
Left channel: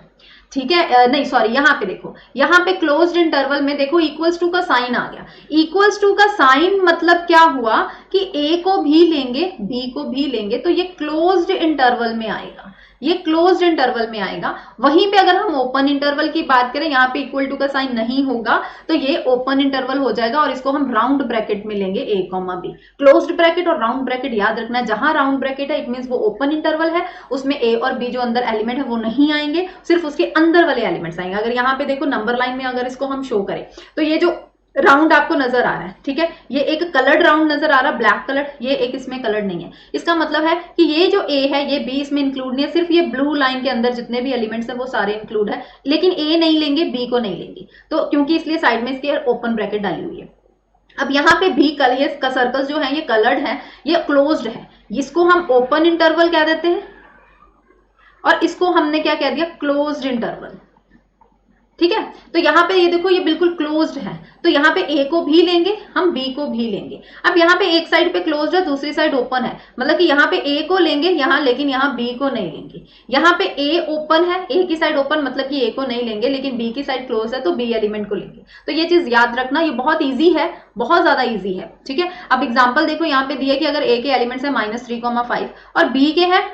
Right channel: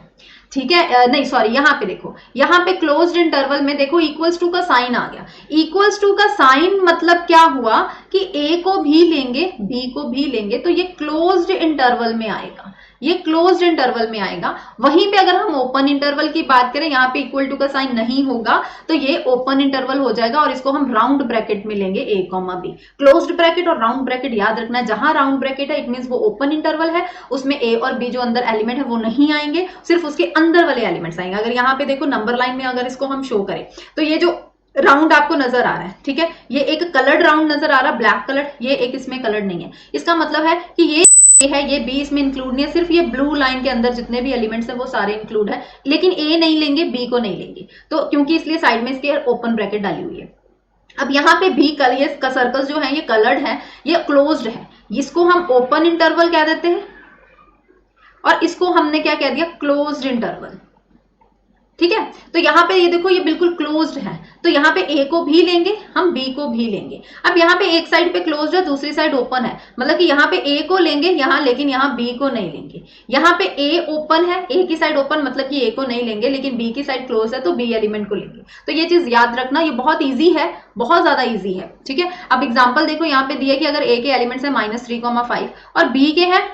ठीक है। नहीं सॉरी, यहाँ पे देखो, यहाँ पे क्लोज्ड इंटरवल में देखो इक्वल्स टू का साइन आ गया। इक्वल्स टू का साइन मतलब क्या हुआ कि a को भी लेंगे b को भी लेंगे, तो ये क्लोज्ड इंटरवल में आएगा, ये क्लोज्ड इंटरवल में आएगा। वहीं पे अगर हम ओपन इंटरवल की बात करें, यहाँ पे इक्वल टू का साइन नहीं होगा तो ये ओपन इंटरवल हो जाएगा और इसको हम राउंड ब्रैकेट में लेंगे, a comma b। Closed bracket और राउंड ब्रैकेट याद रखना है, जहां राउंड ब्रैकेट है इट मींस वो ओपन इंटरवल है, उसमें a और b जो अंदर एलिमेंट है वो नहीं आएंगे, सिर्फ उसके अंदर वाले एलिमेंट्स आएंगे। अगर यहाँ पे देखो नंबर लाइन में अगर इसको हम शो करें तो ये जो राउंड आपको नजर आ रहा है, ठीक है, ये एक कलर्ड राउंड नजर आ रहा है, ब्लैक कलर, ये एक इसमें कलर्ड नहीं है। इसका मतलब है कि ये जो a है ये b इसमें इंक्लूड नहीं है, सिर्फ ये ब्लू लाइन के अंदर जितने भी एलिमेंट्स है वो सारे इंक्लूड है, लेकिन a नहीं लेंगे, b को नहीं लेंगे, तो क्योंकि इसलिए साइड में इसकी ओपन ब्रैकेट डाली हुई है। अब यहाँ पे भी ये सर्कल जो है ये कलर्ड है, ये क्लोज्ड है, इसको हम ओपन इंटरवल कह देते हैं और इसको हमने क्या कह दिया? क्लोज्ड इंटरवल, ठीक है। तो यहाँ पे ये देखो ये बिल्कुल क्लोज्ड है, तो यहाँ पे a को भी लेंगे, हम b को भी लेंगे। अब यहाँ पे एक साइड पे क्लोज्ड है, दूसरी साइड ओपन है, मतलब कि यहाँ पे a को लेंगे यहाँ, लेकिन यहाँ b को नहीं लेंगे। यहाँ पे a ओपन है, a की साइड ओपन मतलब कि a को नहीं लेंगे, लेकिन b की साइड क्लोज है तो b एलिमेंट को लेंगे। तो ये चीज याद रखना, ये बहुत ईजी है, बहुत ज्यादा ईजी है, ठीक है। अब एग्जाम्पल देखो, यहाँ पे दिया कि अगर a के एलिमेंट्स है -3,5 और b के है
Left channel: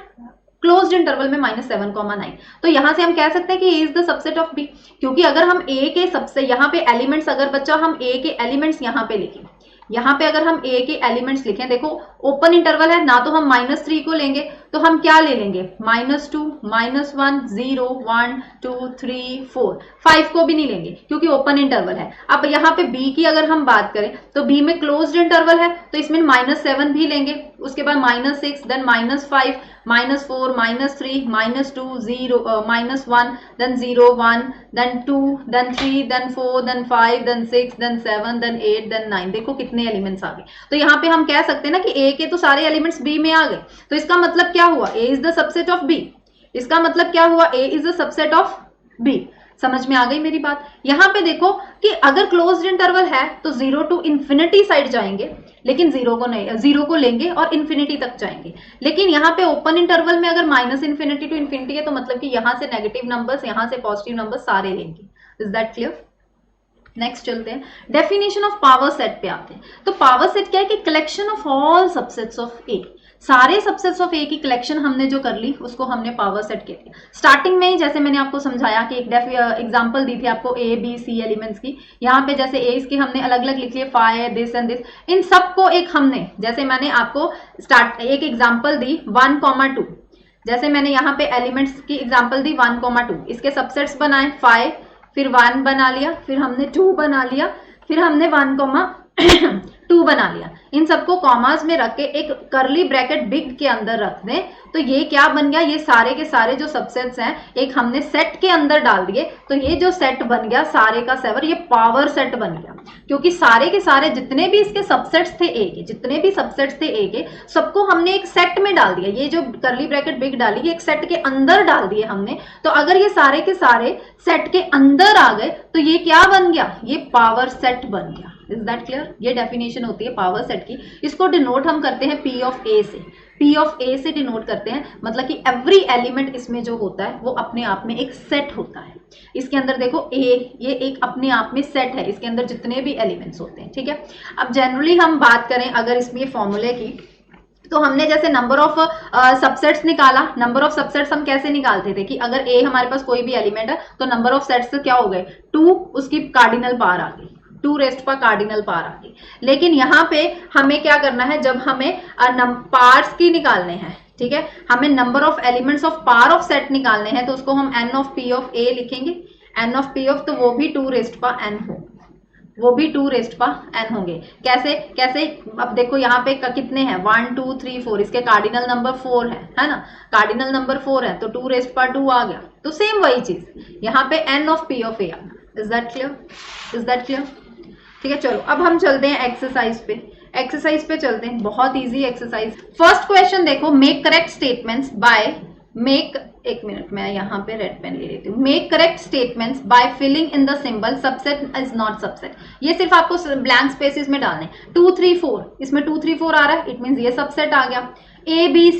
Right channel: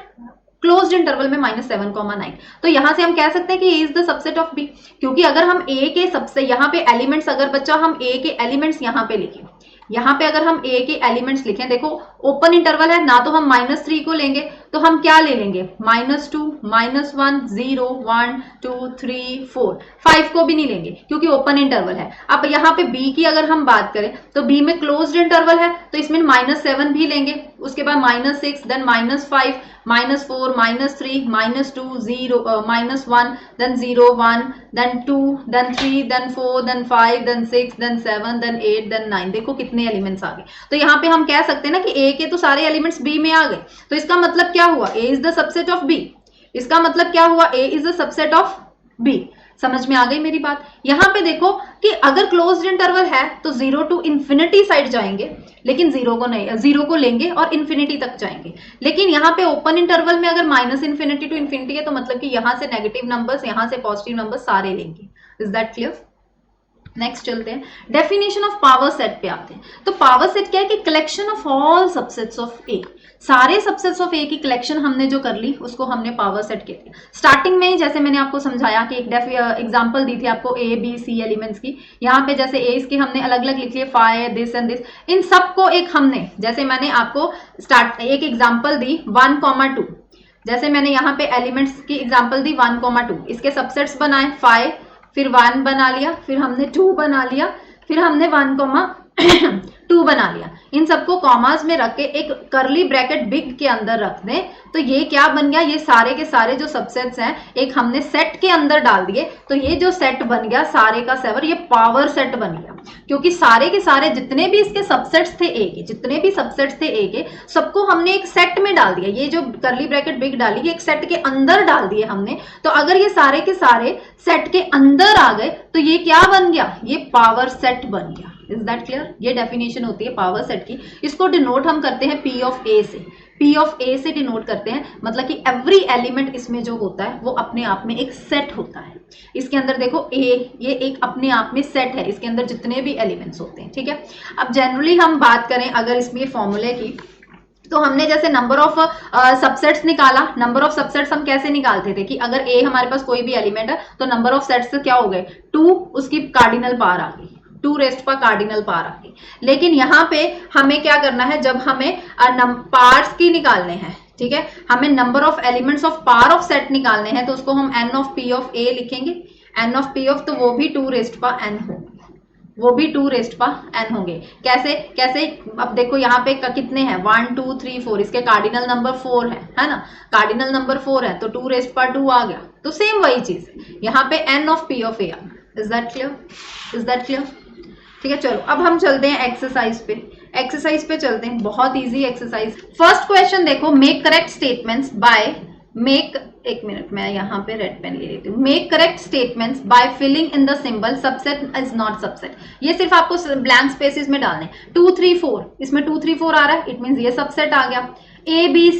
क्लोज्ड इंटरवल में -7,9, तो यहां से हम कह सकते हैं कि a is the subset of b, क्योंकि अगर हम a के सबसे यहाँ पे एलिमेंट्स, अगर बच्चा हम a के एलिमेंट्स यहाँ पे लिखें, यहाँ पे अगर हम a के एलिमेंट्स लिखें, देखो ओपन इंटरवल है ना, तो हम -3 को लेंगे, तो हम क्या ले लेंगे? -2, -1, 0, 1, 2, 3, 4, 5 को भी नहीं लेंगे क्योंकि ओपन इंटरवल है। अब यहाँ पे b की अगर हम बात करें तो b में क्लोज्ड इंटरवल है, तो इसमें -7 भी लेंगे, उसके बाद -6, then -5, -4, -3, -2, 0, -1, then 0, 1, then 2, then 3, then 4, then 5, then 6, then 7, then 8, then 9, देखो कितने एलिमेंट्स आ गए। तो यहाँ पे हम कह सकते हैं ना कि a के तो सारे एलिमेंट्स b में आ गए, तो इसका मतलब क्या हुआ? a is the subset of b, इसका मतलब क्या हुआ? a is the subset of b। समझ में आ गई मेरी बात? यहाँ पे देखो कि अगर क्लोज्ड इंटरवल है तो 0 टू इंफिनिटी साइड जाएंगे, लेकिन 0 को नहीं, 0 को लेंगे और इंफिनिटी तक जाएंगे। लेकिन यहाँ पे ओपन इंटरवल में अगर -इन्फिनिटी टू इंफिनिटी है तो मतलब कि यहाँ से नेगेटिव नंबर्स, यहाँ से पॉजिटिव नंबर्स सारे लेंगे। Is that clear? नेक्स्ट चलते हैं, डेफिनेशन ऑफ पावर सेट पे आते हैं। तो पावर सेट क्या है कि collection of all subsets of A, सारे सबसेट्स ऑफ ए की कलेक्शन हमने जो कर ली उसको हमने पावर सेट की थी। स्टार्टिंग में ही जैसे मैंने आपको समझाया कि एक एग्जांपल दी थी आपको ए बी सी एलिमेंट्स की, यहाँ पे जैसे ए इसके हमने अलग अलग लिख लिए 5 दिस एंड दिस, इन सबको एक हमने, जैसे मैंने आपको एक एग्जाम्पल दी 1, 2, जैसे मैंने यहाँ पे एलिमेंट्स की एग्जाम्पल दी 1, 2, इसके सबसेट्स बनाए 5, फिर 1 बना लिया, फिर हमने 2 बना लिया, फिर हमने 1, 2 बना लिया। इन सबको कॉमास में रख के एक करली ब्रैकेट बिग के अंदर रख दें तो ये क्या बन गया, ये सारे के सारे जो सबसेट्स हैं एक हमने सेट के अंदर डाल दिए, तो ये जो सेट बन गया सारे का सेवर, ये पावर सेट बन गया, क्योंकि सारे के सारे जितने भी इसके सबसेट्स थे ए के, जितने भी सबसेट्स थे ए के, सबको हमने एक सेट में डाल दिया। ये जो करली ब्रैकेट बिग डाली एक सेट के अंदर डाल दिए हमने, तो अगर ये सारे के सारे सेट के अंदर आ गए तो ये क्या बन गया, ये पावर सेट बन गया। Is that clear? ये डेफिनेशन होती है पावर सेट की। इसको डिनोट हम करते हैं पी ऑफ ए से, पी ऑफ ए से डिनोट करते हैं, मतलब कि एवरी एलिमेंट इसमें जो होता है वो अपने आप में एक सेट होता है। इसके अंदर देखो ए, ये एक अपने आप में सेट है, इसके अंदर जितने भी एलिमेंट्स होते हैं, ठीक है। अब जनरली हम बात करें अगर इसमें फॉर्मूले की, तो हमने जैसे नंबर ऑफ सबसेट्स निकाला, नंबर ऑफ सबसेट्स हम कैसे निकालते थे कि अगर ए हमारे पास कोई भी एलिमेंट है तो नंबर ऑफ सेट्स क्या हो गए 2, उसकी कार्डिनल पावर आ गई, 2 रेस्ट पर कार्डिनल पावर आ गई। लेकिन यहाँ पे हमें क्या करना है, जब हमें पार्ट्स की निकालने हैं, ठीक है, हमें number of elements of power of set निकालने हैं, तो उसको हम एन ऑफ पी ऑफ ए लिखेंगे, एन ऑफ पी ऑफ, तो वो भी 2 रेस्ट पर एन होंगे, वो भी 2 रेस्ट पर एन होंगे। कैसे कैसे, अब देखो यहाँ पे कितने हैं 1 2 3 4, इसके कार्डिनल नंबर 4 है ना, कार्डिनल नंबर 4 है तो 2 रेस्ट पर 2 आ गया, तो सेम वही चीज यहाँ पे एन ऑफ पी ऑफ ए आ गया। Is that clear? Is that clear? ठीक है, चलो अब हम चलते हैं एक्सरसाइज पे, एक्सरसाइज पे चलते हैं, बहुत इजी एक्सरसाइज। फर्स्ट क्वेश्चन देखो, make correct statements by make, एक मिनट मैं यहाँ पे रेड पेन ले लेती हूँ, make correct statements by filling in the symbol subset is not subset. ये सिर्फ आपको ब्लैंक स्पेसेस में डालने, 2 3 4, इसमें 2 3 4 आ रहा है, इट मींस ये सबसेट आ गया। A B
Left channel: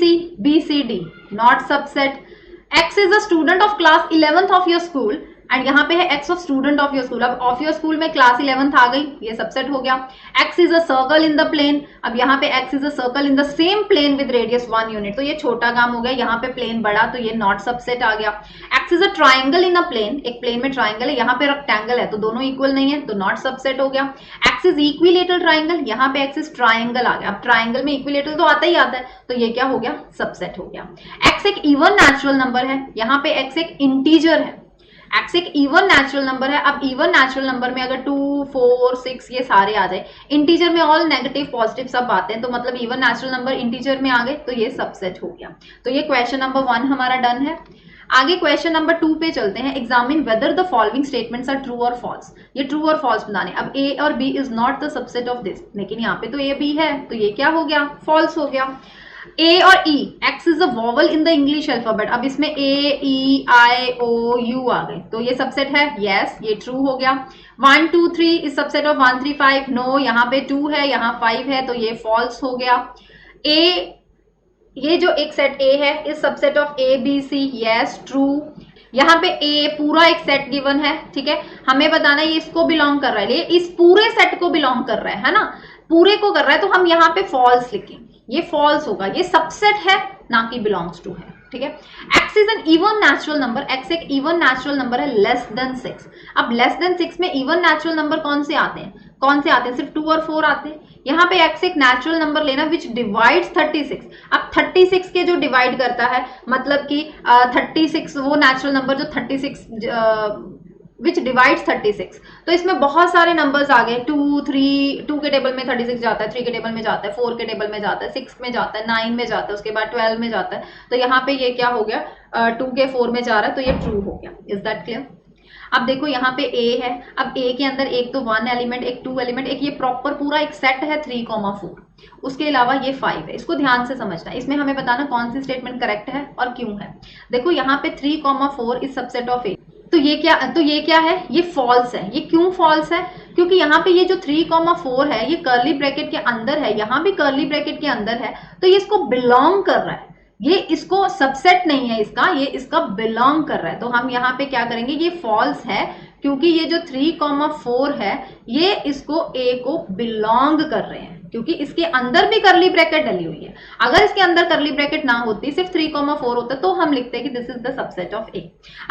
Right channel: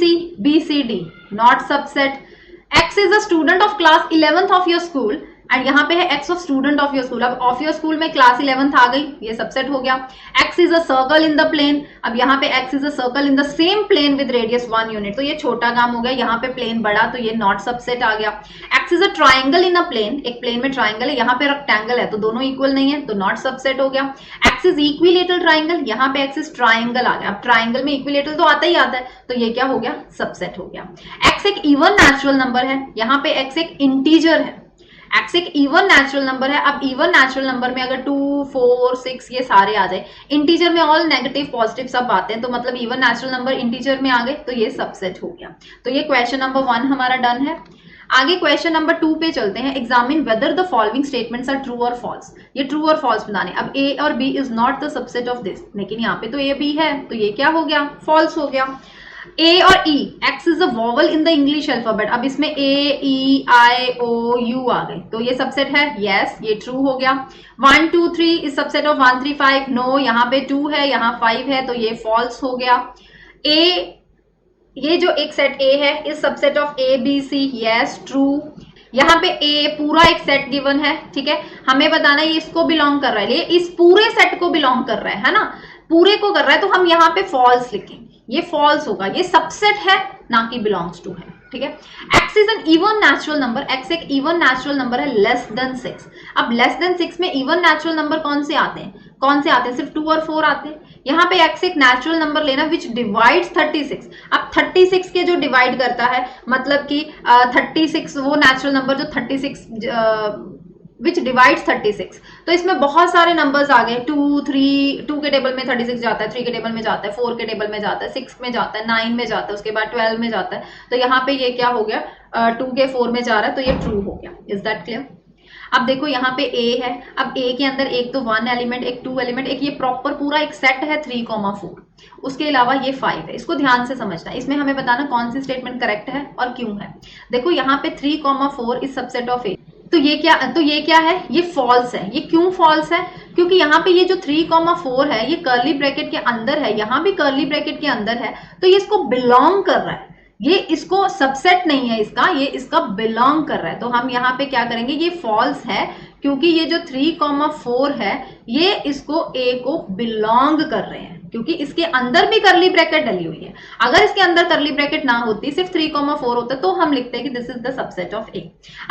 C D not subset. X is a student of class 11th of your school, and यहाँ पे है X of student of your school, अब ऑफ योर स्कूल में क्लास 11th आ गई, ये सबसेट हो गया। X is a circle in the plane, अब यहाँ पे X is a circle in the same plane with radius 1 unit, तो ये छोटा काम हो गया, यहाँ पे प्लेन बड़ा, तो ये नॉट सबसेट आ गया। X is a triangle in a plane, एक प्लेन में ट्राइंगल है, यहाँ पे रेक्टेंगल है, तो दोनों इक्वल नहीं है, तो नॉट सबसेट हो गया। एक्स इज इक्विलेटरल ट्राइंगल, यहाँ पे एक्स इज ट्राइंगल आ गया, अब ट्राइंगल में इक्विलेटरल तो आता ही आता है, तो ये क्या हो गया, सबसेट हो गया। एक्स एक इवन नेचुरल नंबर है, यहाँ पे एक्स एक इंटीजर है, एक्स एक इवन नेचुरल नंबर है। अब इवन नेचुरल नंबर में अगर 2 4 6 ये सारे आ जाए, इंटीजर में ऑल नेगेटिव पॉजिटिव सब आते हैं, तो मतलब इवन नेचुरल नंबर इंटीजर में आ गए, तो ये सबसेट हो गया। तो ये क्वेश्चन नंबर 1 हमारा डन है। आगे क्वेश्चन नंबर 2 पे चलते हैं, examine whether the following statements are true और फॉल्स। ये ट्रू और फॉल्स बनाने, अब ए और B is not the subset of this, लेकिन यहाँ पे तो ये बी है, तो ये क्या हो गया, फॉल्स हो गया। A और E, X is a vowel in the English alphabet, अब इसमें A, E, I, O, U आ गए, तो ये सबसेट है, yes, ये ट्रू हो गया। 1 2 3 इस सबसेट ऑफ 1 3 5, नो, यहाँ पे 2 है, यहाँ 5 है, तो ये फॉल्स हो गया। A, ये जो एक सेट A है इस subset of A B C, yes, true. यहाँ पे A पूरा एक सेट गिवन है, ठीक है, हमें बताना है ये इसको बिलोंग कर रहा है, ये इस पूरे सेट को बिलोंग कर रहा है ना, पूरे को कर रहा है, तो हम यहाँ पे फॉल्स लिखेंगे, ये फॉल्स होगा, ये सबसेट है ना कि बिलोंग्स टू है, ठीक है। X is an even natural number, x एक इवन नेचुरल नंबर है लेस देन 6। अब लेस देन 6 में इवन नेचुरल नंबर कौन से आते हैं, कौन से आते हैं, सिर्फ 2 और 4 आते हैं। यहाँ पे एक्स एक नेचुरल नंबर लेना विच डिवाइड्स 36। अब 36 के जो डिवाइड करता है, मतलब कि 36 वो नेचुरल नंबर जो 36 विच डिवाइड्स 36, तो इसमें बहुत सारे नंबर्स आ गए, 2 3, 2 के टेबल में 36 जाता है, 3 के टेबल में जाता है, 4 के टेबल में जाता है, 6 में जाता है, 9 में जाता है, उसके बाद 12 में जाता है, तो यहाँ पे ये क्या हो गया, 2 के 4 में जा रहा है, तो ये ट्रू हो गया। Is that clear? अब देखो यहाँ पे A है, अब A के अंदर एक तो 1 एलिमेंट, एक 2 एलिमेंट, एक ये प्रॉपर पूरा एक सेट है 3 4, उसके अलावा ये 5 है, इसको ध्यान से समझना है, इसमें हमें बताना कौन सी स्टेटमेंट करेक्ट है और क्यों है। देखो यहाँ पे 3 4 इस सबसेट ऑफ A, तो ये क्या है, ये फॉल्स है। ये क्यों फॉल्स है, क्योंकि यहाँ पे ये जो 3 4 है ये कर्ली ब्रैकेट के अंदर है, यहाँ भी कर्ली ब्रैकेट के अंदर है, तो ये इसको बिलोंग कर रहा है, ये इसको सबसेट नहीं है इसका, ये इसका बिलोंग कर रहा है, तो हम यहाँ पे क्या करेंगे, ये फॉल्स है क्योंकि ये जो 3,4 है ये इसको A को बिलोंग कर रहे हैं, क्योंकि इसके अंदर भी करली ब्रैकेट डली हुई है। अगर इसके अंदर करली ब्रैकेट ना होती, सिर्फ 3,4 होता, तो हम लिखते हैं कि this is the subset of A।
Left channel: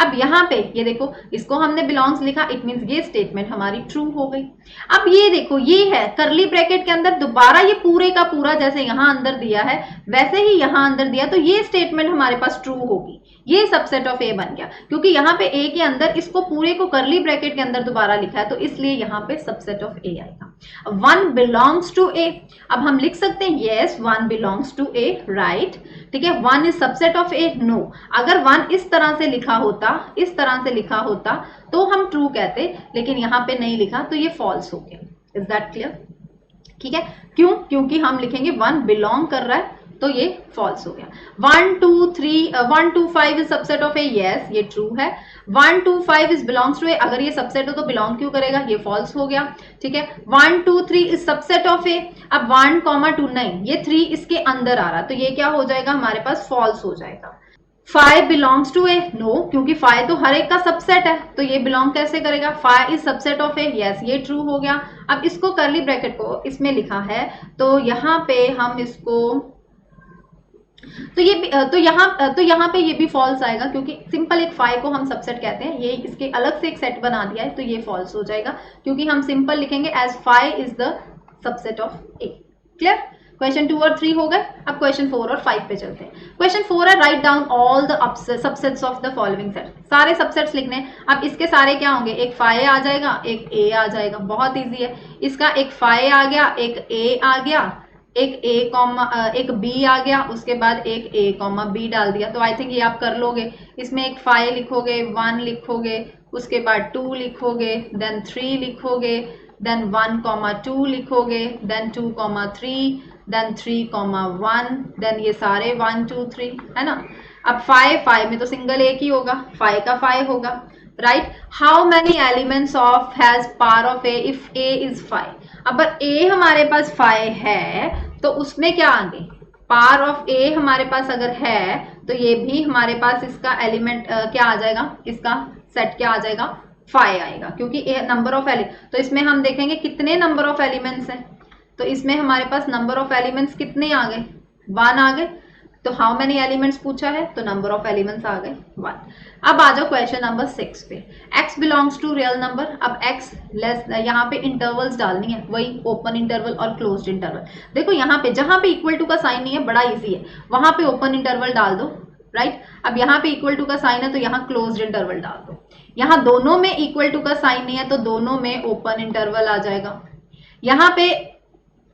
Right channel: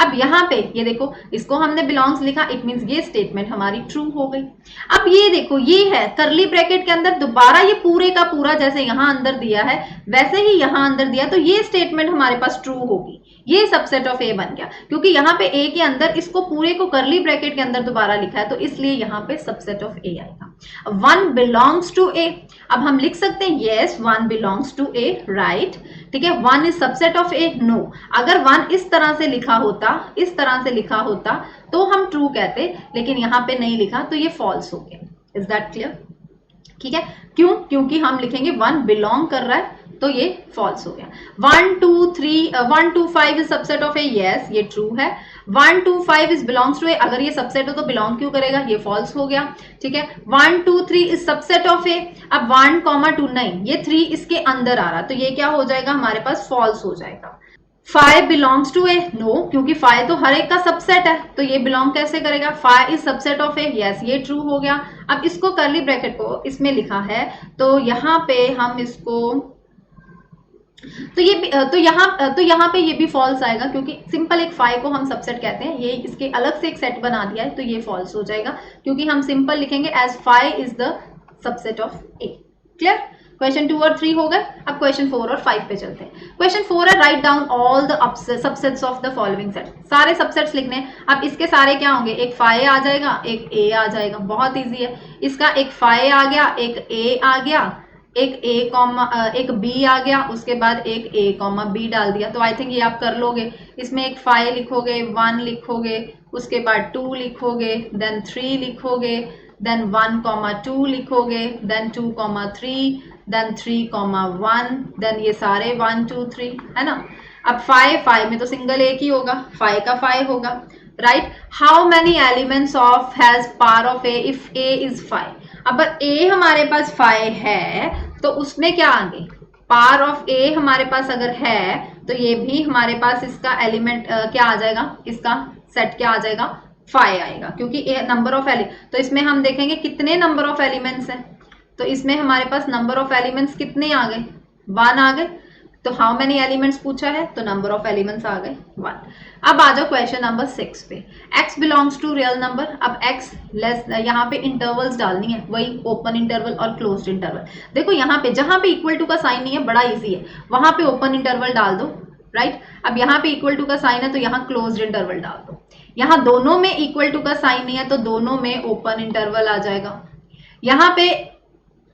अब यहाँ पे ये देखो, इसको हमने बिलोंग्स लिखा, इट मींस ये स्टेटमेंट हमारी ट्रू हो गई। अब ये देखो, ये है करली ब्रैकेट के अंदर दोबारा ये पूरे का पूरा जैसे यहाँ अंदर दिया है वैसे ही यहाँ अंदर दिया, तो ये स्टेटमेंट हमारे पास ट्रू होगी। ये सबसेट ऑफ A बन गया, क्योंकि यहाँ पे A के अंदर इसको पूरे को करली ब्रैकेट के अंदर दोबारा लिखा है, तो इसलिए यहाँ पे सबसेट ऑफ A आएगा। 1 बिलोंग्स टू A, अब हम लिख सकते हैं yes 1 belongs to A, right, ठीक है। 1 is subset of A, no. अगर 1 इस तरह से लिखा होता, इस तरह से लिखा होता तो हम ट्रू कहते, लेकिन यहाँ पे नहीं लिखा तो ये फॉल्स हो गया। Is that clear? ठीक है, क्यों? क्योंकि हम लिखेंगे 1 बिलोंग कर रहा है, तो ये फॉल्स हो गया। 1 2 3 1 2 5 is subset of A, yes ये ट्रू है। 1 2 5 इज बिलोंग्स टू A, अगर ये सबसेट हो तो बिलोंग क्यों करेगा, ये फॉल्स हो गया। ठीक है, 1 2 3 इज सबसेट ऑफ A। अब 1 2 नहीं, ये 3 इसके अंदर आ रहा, तो ये क्या हो जाएगा हमारे पास, फॉल्स हो जाएगा। 5 बिलोंग्स टू A, नो, क्योंकि 5 तो हर एक का सबसेट है, तो ये बिलोंग कैसे करेगा। 5 is subset of A, yes ये ट्रू हो गया। अब इसको करली ब्रैकेट को इसमें लिखा है, तो यहाँ पे हम इसको तो यहाँ पे ये भी फॉल्स आएगा, क्योंकि सिंपल एक 5 को हम सबसेट कहते हैं, ये इसके अलग से एक सेट बना दिया है, तो ये फॉल्स हो जाएगा, क्योंकि हम सिंपल लिखेंगे as 5 is the subset of A। Clear? Question 2 और 3 हो गए। अब क्वेश्चन 4 और 5 पे चलते हैं। क्वेश्चन 4 है write down all the subsets of the following set. सारे सबसेट्स लिखने। अब इसके सारे क्या होंगे, एक 5 आ जाएगा, एक A आ जाएगा, बहुत इजी है। इसका एक 5 आ गया, एक A आ गया, एक B आ गया, उसके बाद एक A, B डाल दिया, तो आई थिंक ये आप कर लोगे। इसमें एक 5 लिखोगे, 1 लिखोगे, उसके बाद 2 लिखोगे, देन 3 लिखोगे, देन 1, 2 लिखोगे, देन 2, 3, देन 3, 1, देन ये सारे 1 2 3 है ना। अब 5 में तो सिंगल एक ही होगा, 5 का 5 होगा, right. How many elements of has power of A if A is 5। अगर A हमारे पास 5 है तो उसमें क्या आगे, पावर ऑफ A हमारे पास अगर है तो ये भी हमारे पास इसका एलिमेंट क्या आ जाएगा, इसका सेट क्या आ जाएगा, 5 आएगा, क्योंकि नंबर ऑफ एलिमेंट। तो इसमें हम देखेंगे कितने नंबर ऑफ एलिमेंट्स हैं, तो इसमें हमारे पास नंबर ऑफ एलिमेंट्स कितने आ गए, 1 आ गए। तो हाउ मेनी एलिमेंट्स पूछा है, तो नंबर ऑफ एलिमेंट्स आ गए 1। अब आ जाओ क्वेश्चन नंबर 6 पे। x belongs to real number. अब x लेस, यहाँ पे इंटरवल्स डालनी है, वही ओपन इंटरवल और क्लोज्ड इंटरवल। देखो यहाँ पे जहां पे इक्वल टू का साइन नहीं है, बड़ा इजी है, वहां पे ओपन इंटरवल डाल दो, राइट। अब यहाँ पे इक्वल टू का साइन है तो यहाँ क्लोज्ड इंटरवल डाल दो। यहाँ दोनों में इक्वल टू का साइन नहीं है तो दोनों में ओपन इंटरवल आ जाएगा। यहाँ पे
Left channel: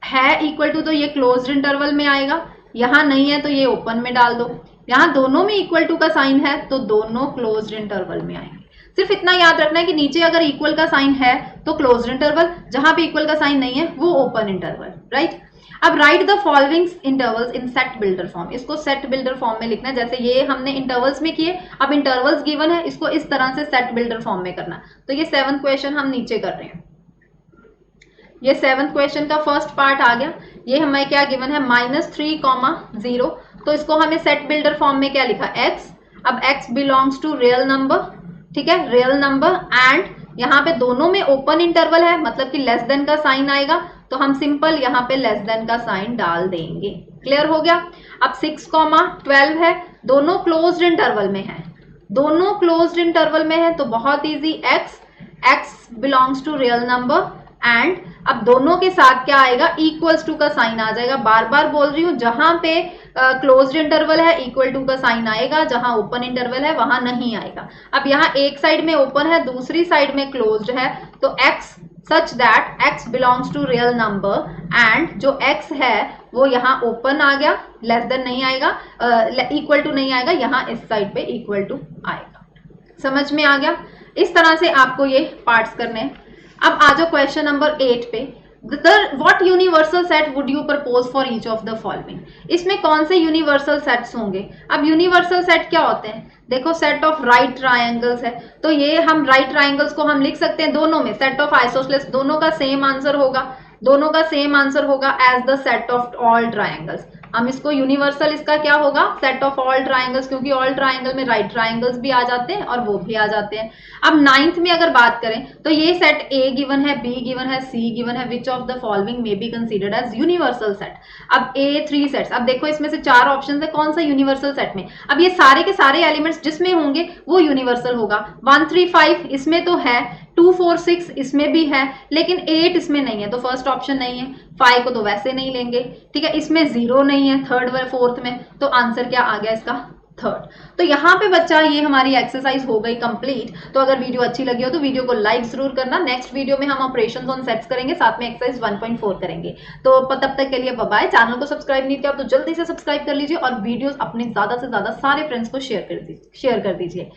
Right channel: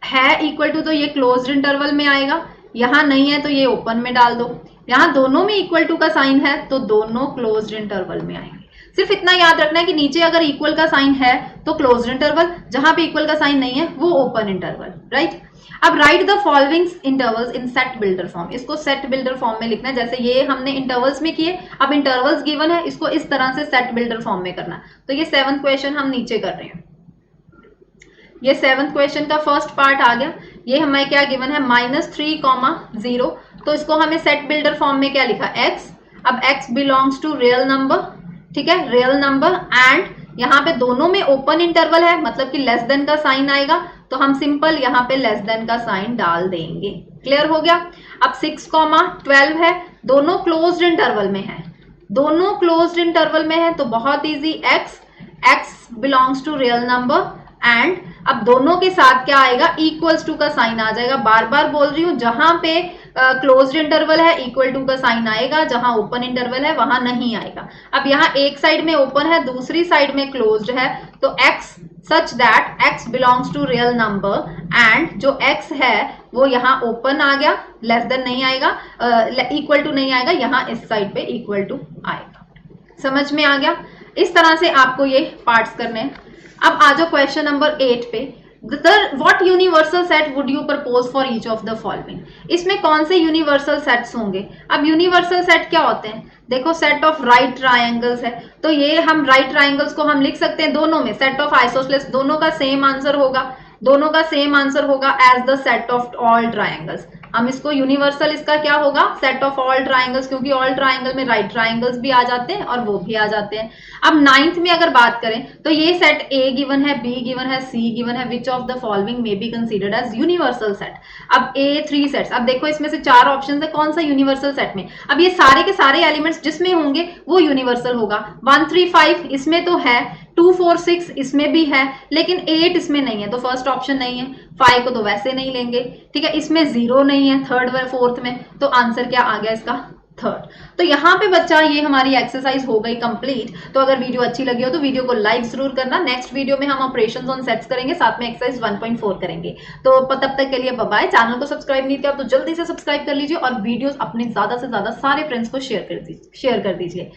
है इक्वल टू तो ये क्लोज्ड इंटरवल में आएगा, यहाँ नहीं है तो ये ओपन में डाल दो। यहाँ दोनों में इक्वल टू का साइन है तो दोनों क्लोज्ड इंटरवल में आएंगे। सिर्फ इतना याद रखना है कि नीचे अगर इक्वल का साइन है तो क्लोज्ड इंटरवल, जहां पे इक्वल का साइन नहीं है वो ओपन इंटरवल, राइट। अब right the following intervals in set builder form. इसको सेट बिल्डर फॉर्म में लिखना है, जैसे ये हमने इंटरवल्स में किए, अब इंटरवल्स गिवन है, इसको इस तरह से सेट बिल्डर फॉर्म में करना। तो ये 7th क्वेश्चन हम नीचे कर रहे हैं। ये 7th क्वेश्चन का फर्स्ट पार्ट आ गया। ये हमें क्या गिवन है, -3, 0। तो इसको हमें सेट बिल्डर फॉर्म में क्या लिखा, x। अब x belongs to real number, ठीक है, रियल नंबर, एंड यहाँ पे दोनों में ओपन इंटरवल है, मतलब कि लेस देन का साइन आएगा, तो हम सिंपल यहाँ पे लेस देन का साइन डाल देंगे। क्लियर हो गया। अब 6, 12 है, दोनों क्लोज्ड इंटरवल में है, दोनों क्लोज्ड इंटरवल में है, तो बहुत easy, x belongs to real number, and अब दोनों के साथ क्या आएगा, इक्वल्स टू का साइन आ जाएगा। बार बार बोल रही हूँ, जहां पे क्लोज्ड इंटरवल है इक्वल टू का साइन आएगा, जहां ओपन इंटरवल है वहां नहीं आएगा। अब यहाँ एक साइड में ओपन है, दूसरी साइड में क्लोज्ड है, तो x such that x belongs to real number, and जो x है वो यहाँ ओपन आ गया, लेस देन नहीं आएगा, इक्वल टू नहीं आएगा, यहाँ इस साइड पे इक्वल टू आएगा। समझ में आ गया। इस तरह से आपको ये पार्ट्स करने हैं। अब आ जाओ क्वेश्चन नंबर 8 पे। What universal set would you propose for each of the following? इसमें कौन से यूनिवर्सल सेट्स होंगे। अब यूनिवर्सल सेट क्या होते हैं, देखो सेट ऑफ राइट ट्रायंगल्स है, तो ये हम राइट ट्रायंगल्स को हम लिख सकते हैं दोनों में, सेट ऑफ आइसोसेलेस, दोनों का सेम आंसर होगा, दोनों का सेम आंसर होगा as the set of all triangles. हम इसको यूनिवर्सल, इसका क्या होगा, सेट ऑफ ऑल ट्राइंगल्स, क्योंकि ऑल ट्राइंगल में राइट ट्राइंगल्स भी आ जाते हैं और वो भी आ जाते हैं। अब नाइन्थ में अगर बात करें तो ये सेट ए गिवन है, बी गिवन है, सी गिवन है, which of the following may be considered as universal set. अब ए थ्री सेट्स, अब देखो इसमें से चार ऑप्शन है, कौन सा यूनिवर्सल सेट में, अब ये सारे के सारे एलिमेंट्स जिसमें होंगे वो यूनिवर्सल होगा। 1 3 5 इसमें तो है, 2 4 6 इसमें भी है, लेकिन 8 इसमें नहीं है, तो फर्स्ट ऑप्शन नहीं है। 5 को तो वैसे नहीं लेंगे, ठीक है, इसमें 0 नहीं है थर्ड व फोर्थ में, तो आंसर क्या आ गया इसका, थर्ड। तो यहाँ पे बच्चा ये हमारी एक्सरसाइज हो गई कंप्लीट। तो अगर वीडियो अच्छी लगी हो तो वीडियो को लाइक जरूर करना। नेक्स्ट वीडियो में हम ऑपरेशंस ऑन सेट्स करेंगे, साथ में एक्सरसाइज 1.4 करेंगे। तो तब तक के लिए बाय बाय। चैनल को सब्सक्राइब नहीं किया तो जल्दी से सब्सक्राइब कर लीजिए और वीडियोस अपने ज्यादा से ज्यादा सारे फ्रेंड्स को शेयर कर दीजिए।